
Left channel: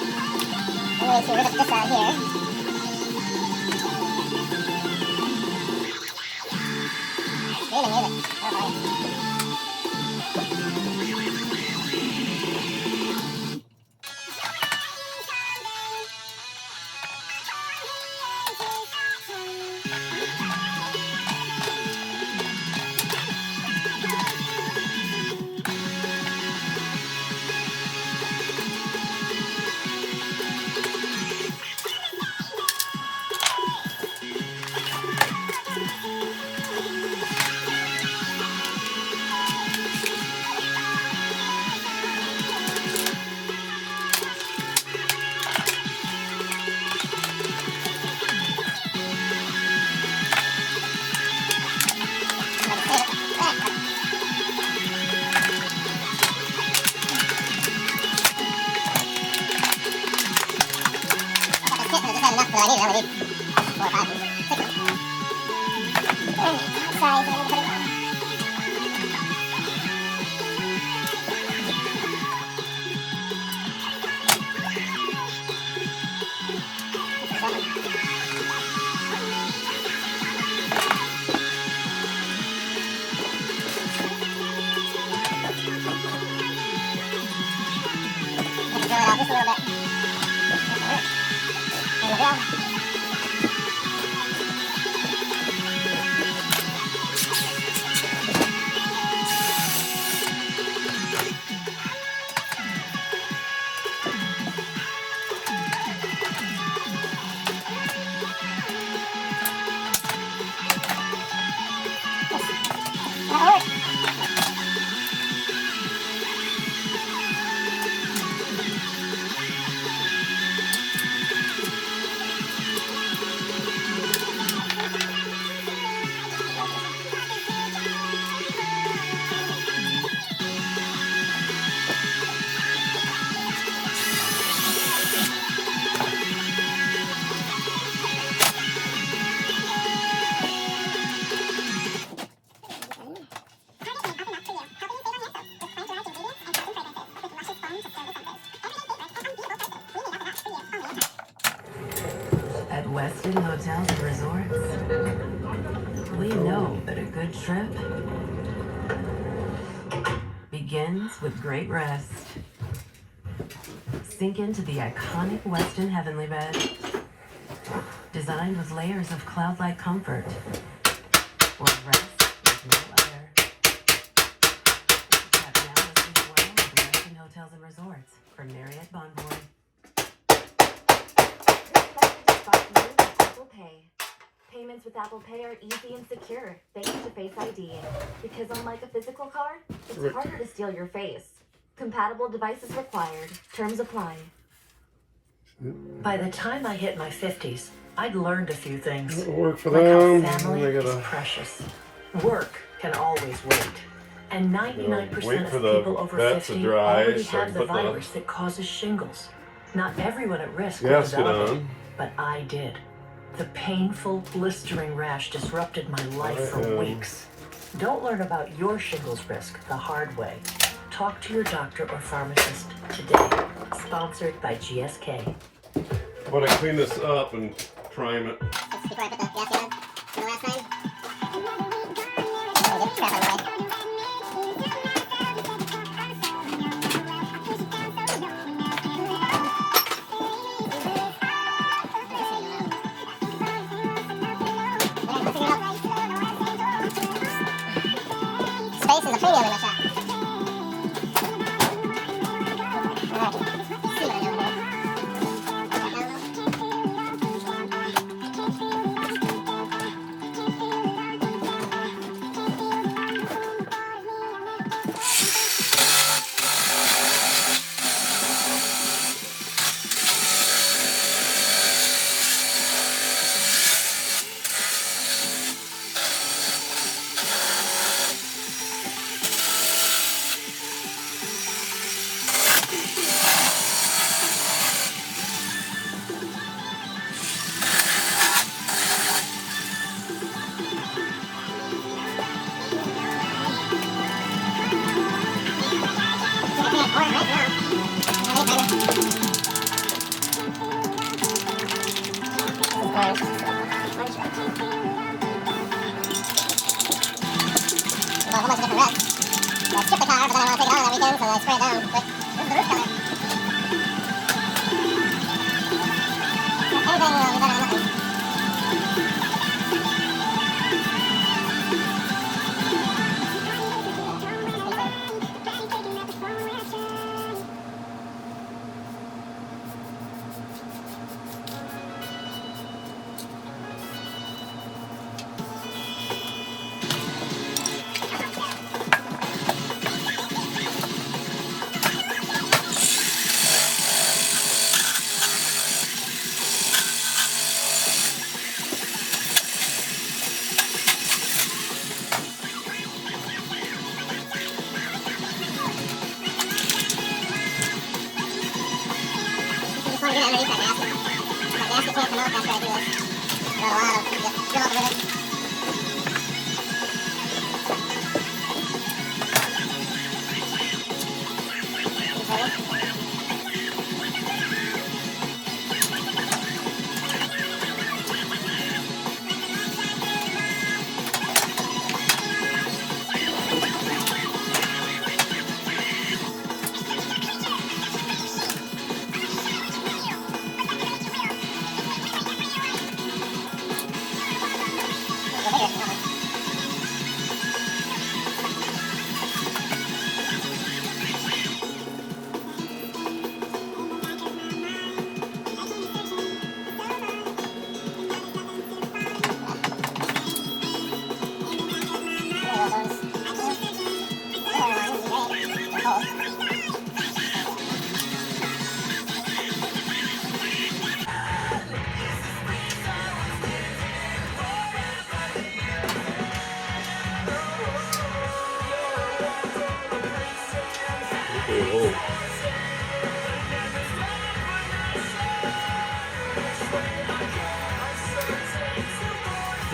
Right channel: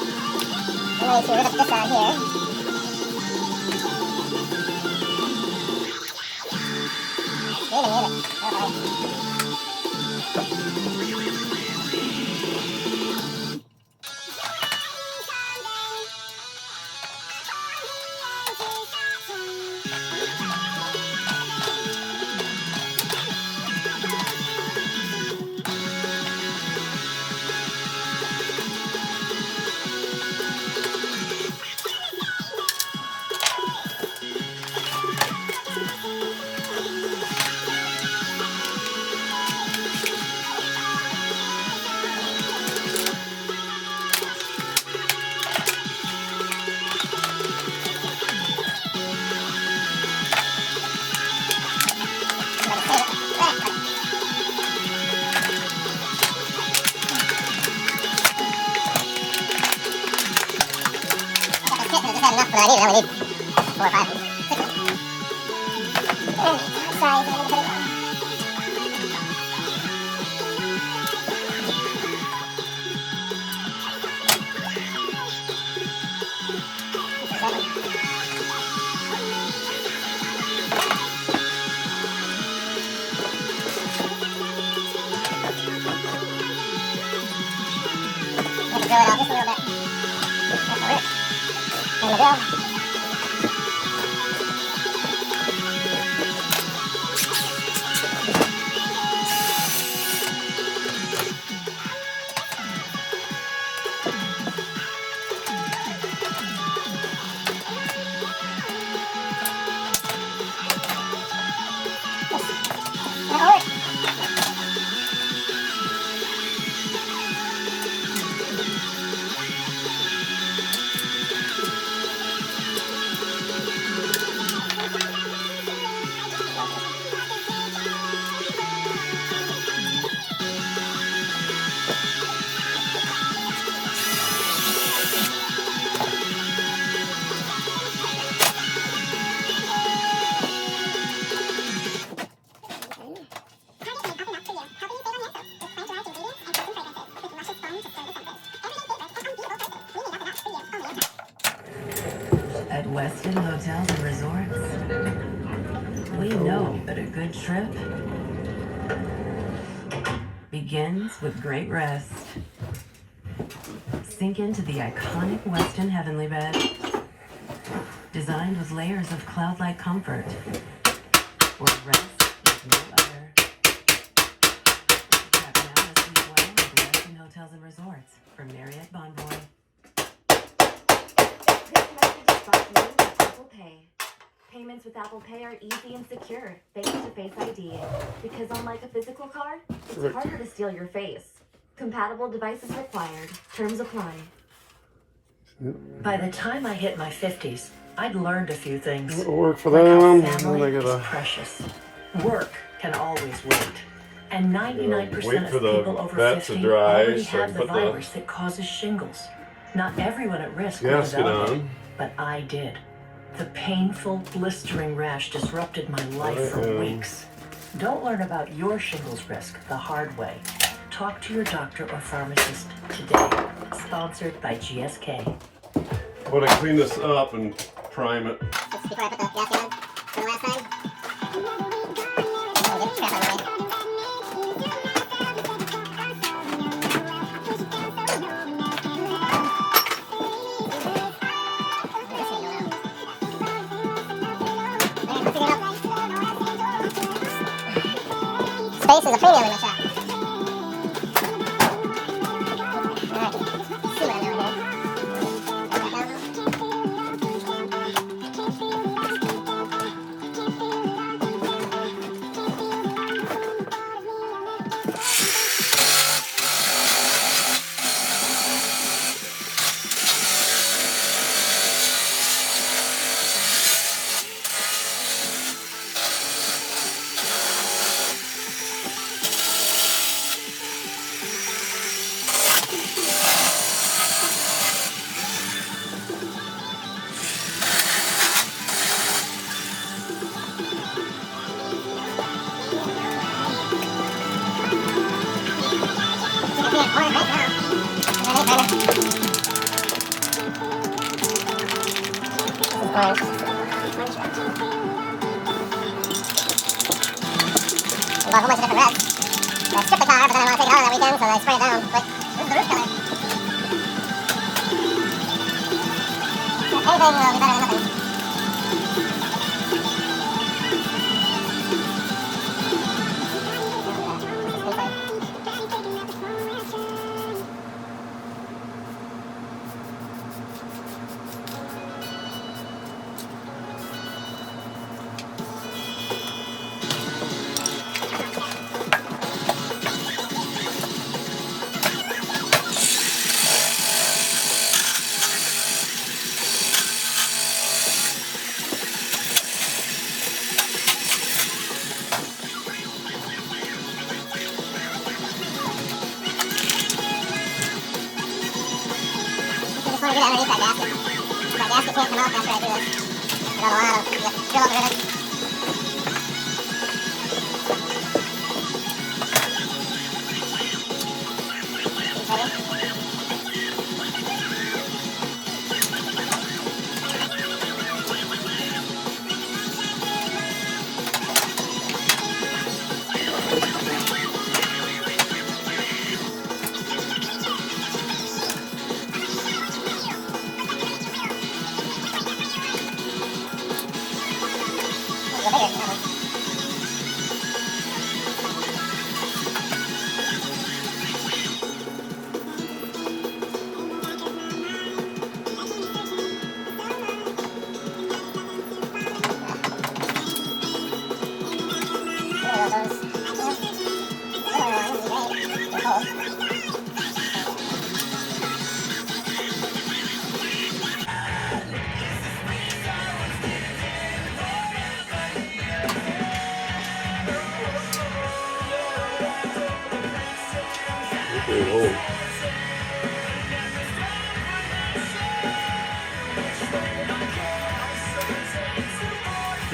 I'm going to rivet this side here. Really need it. Oh, boy. I need 4 or 5, 6 of them. Sorry, I need to put it on. Throw it out just a little bit. That's all right. There we go. That'll work. At Westin Hotels and Resorts, we know that a good trip begins with great rest. Sink into the iconic Westin Heavenly Bed, designed with layers of cloud-like comfort, where rest is no other. Tap now to sleep well with Westin Hotels and Resorts from Marriott Bonvoy. Apple Pay. Payments with Apple Pay are easy and secure thanks to Face ID. Because unlike a physical card, it's harder to steal your face. Compatible devices required. Terms apply. By the time I hit my 50s, I'd learned a few things. It'll work for Like how them. family They is gotta precious. Work can always wait. And 99% wait of for the people over vet to 50 dry already so I have can the put the virus that causes shingles. Not everyone at risk will gasket develop it, on. but I did. The painful, blistering rash disrupted my life for weeks. Don't learn about your shingles risk the hard way. Talk to your doctor or pharmacist today. Sponsored by GSK. When I clean this up and prime it. Just before I put the gasket on for the last time. Oh, get crap out of the way. Space is a premium in my shop. Alright, see what I know here. About a whole bunch of different reds. I stripped the car, but then I want to take it out on that weekend, so I spray it down. But this is the roof color. Anything will be better than nothing. Just want to get underneath that gasket. That gasket gasket can't come out after I do this. I got a lot of drill up rivets.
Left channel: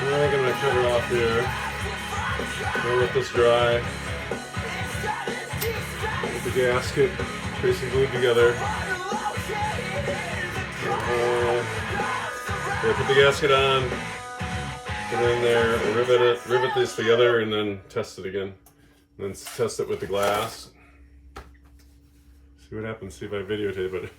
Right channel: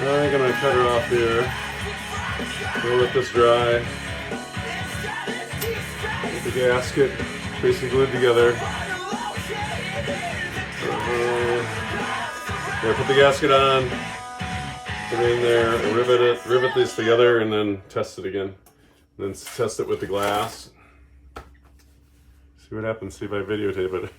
I'm gonna cut her off here. We'll let this dry. Get the gasket pretty glued together. Put the gasket on, put it in there, rivet this together, and then test it again. Then test it with the glass. See what happens. See if I videotape it.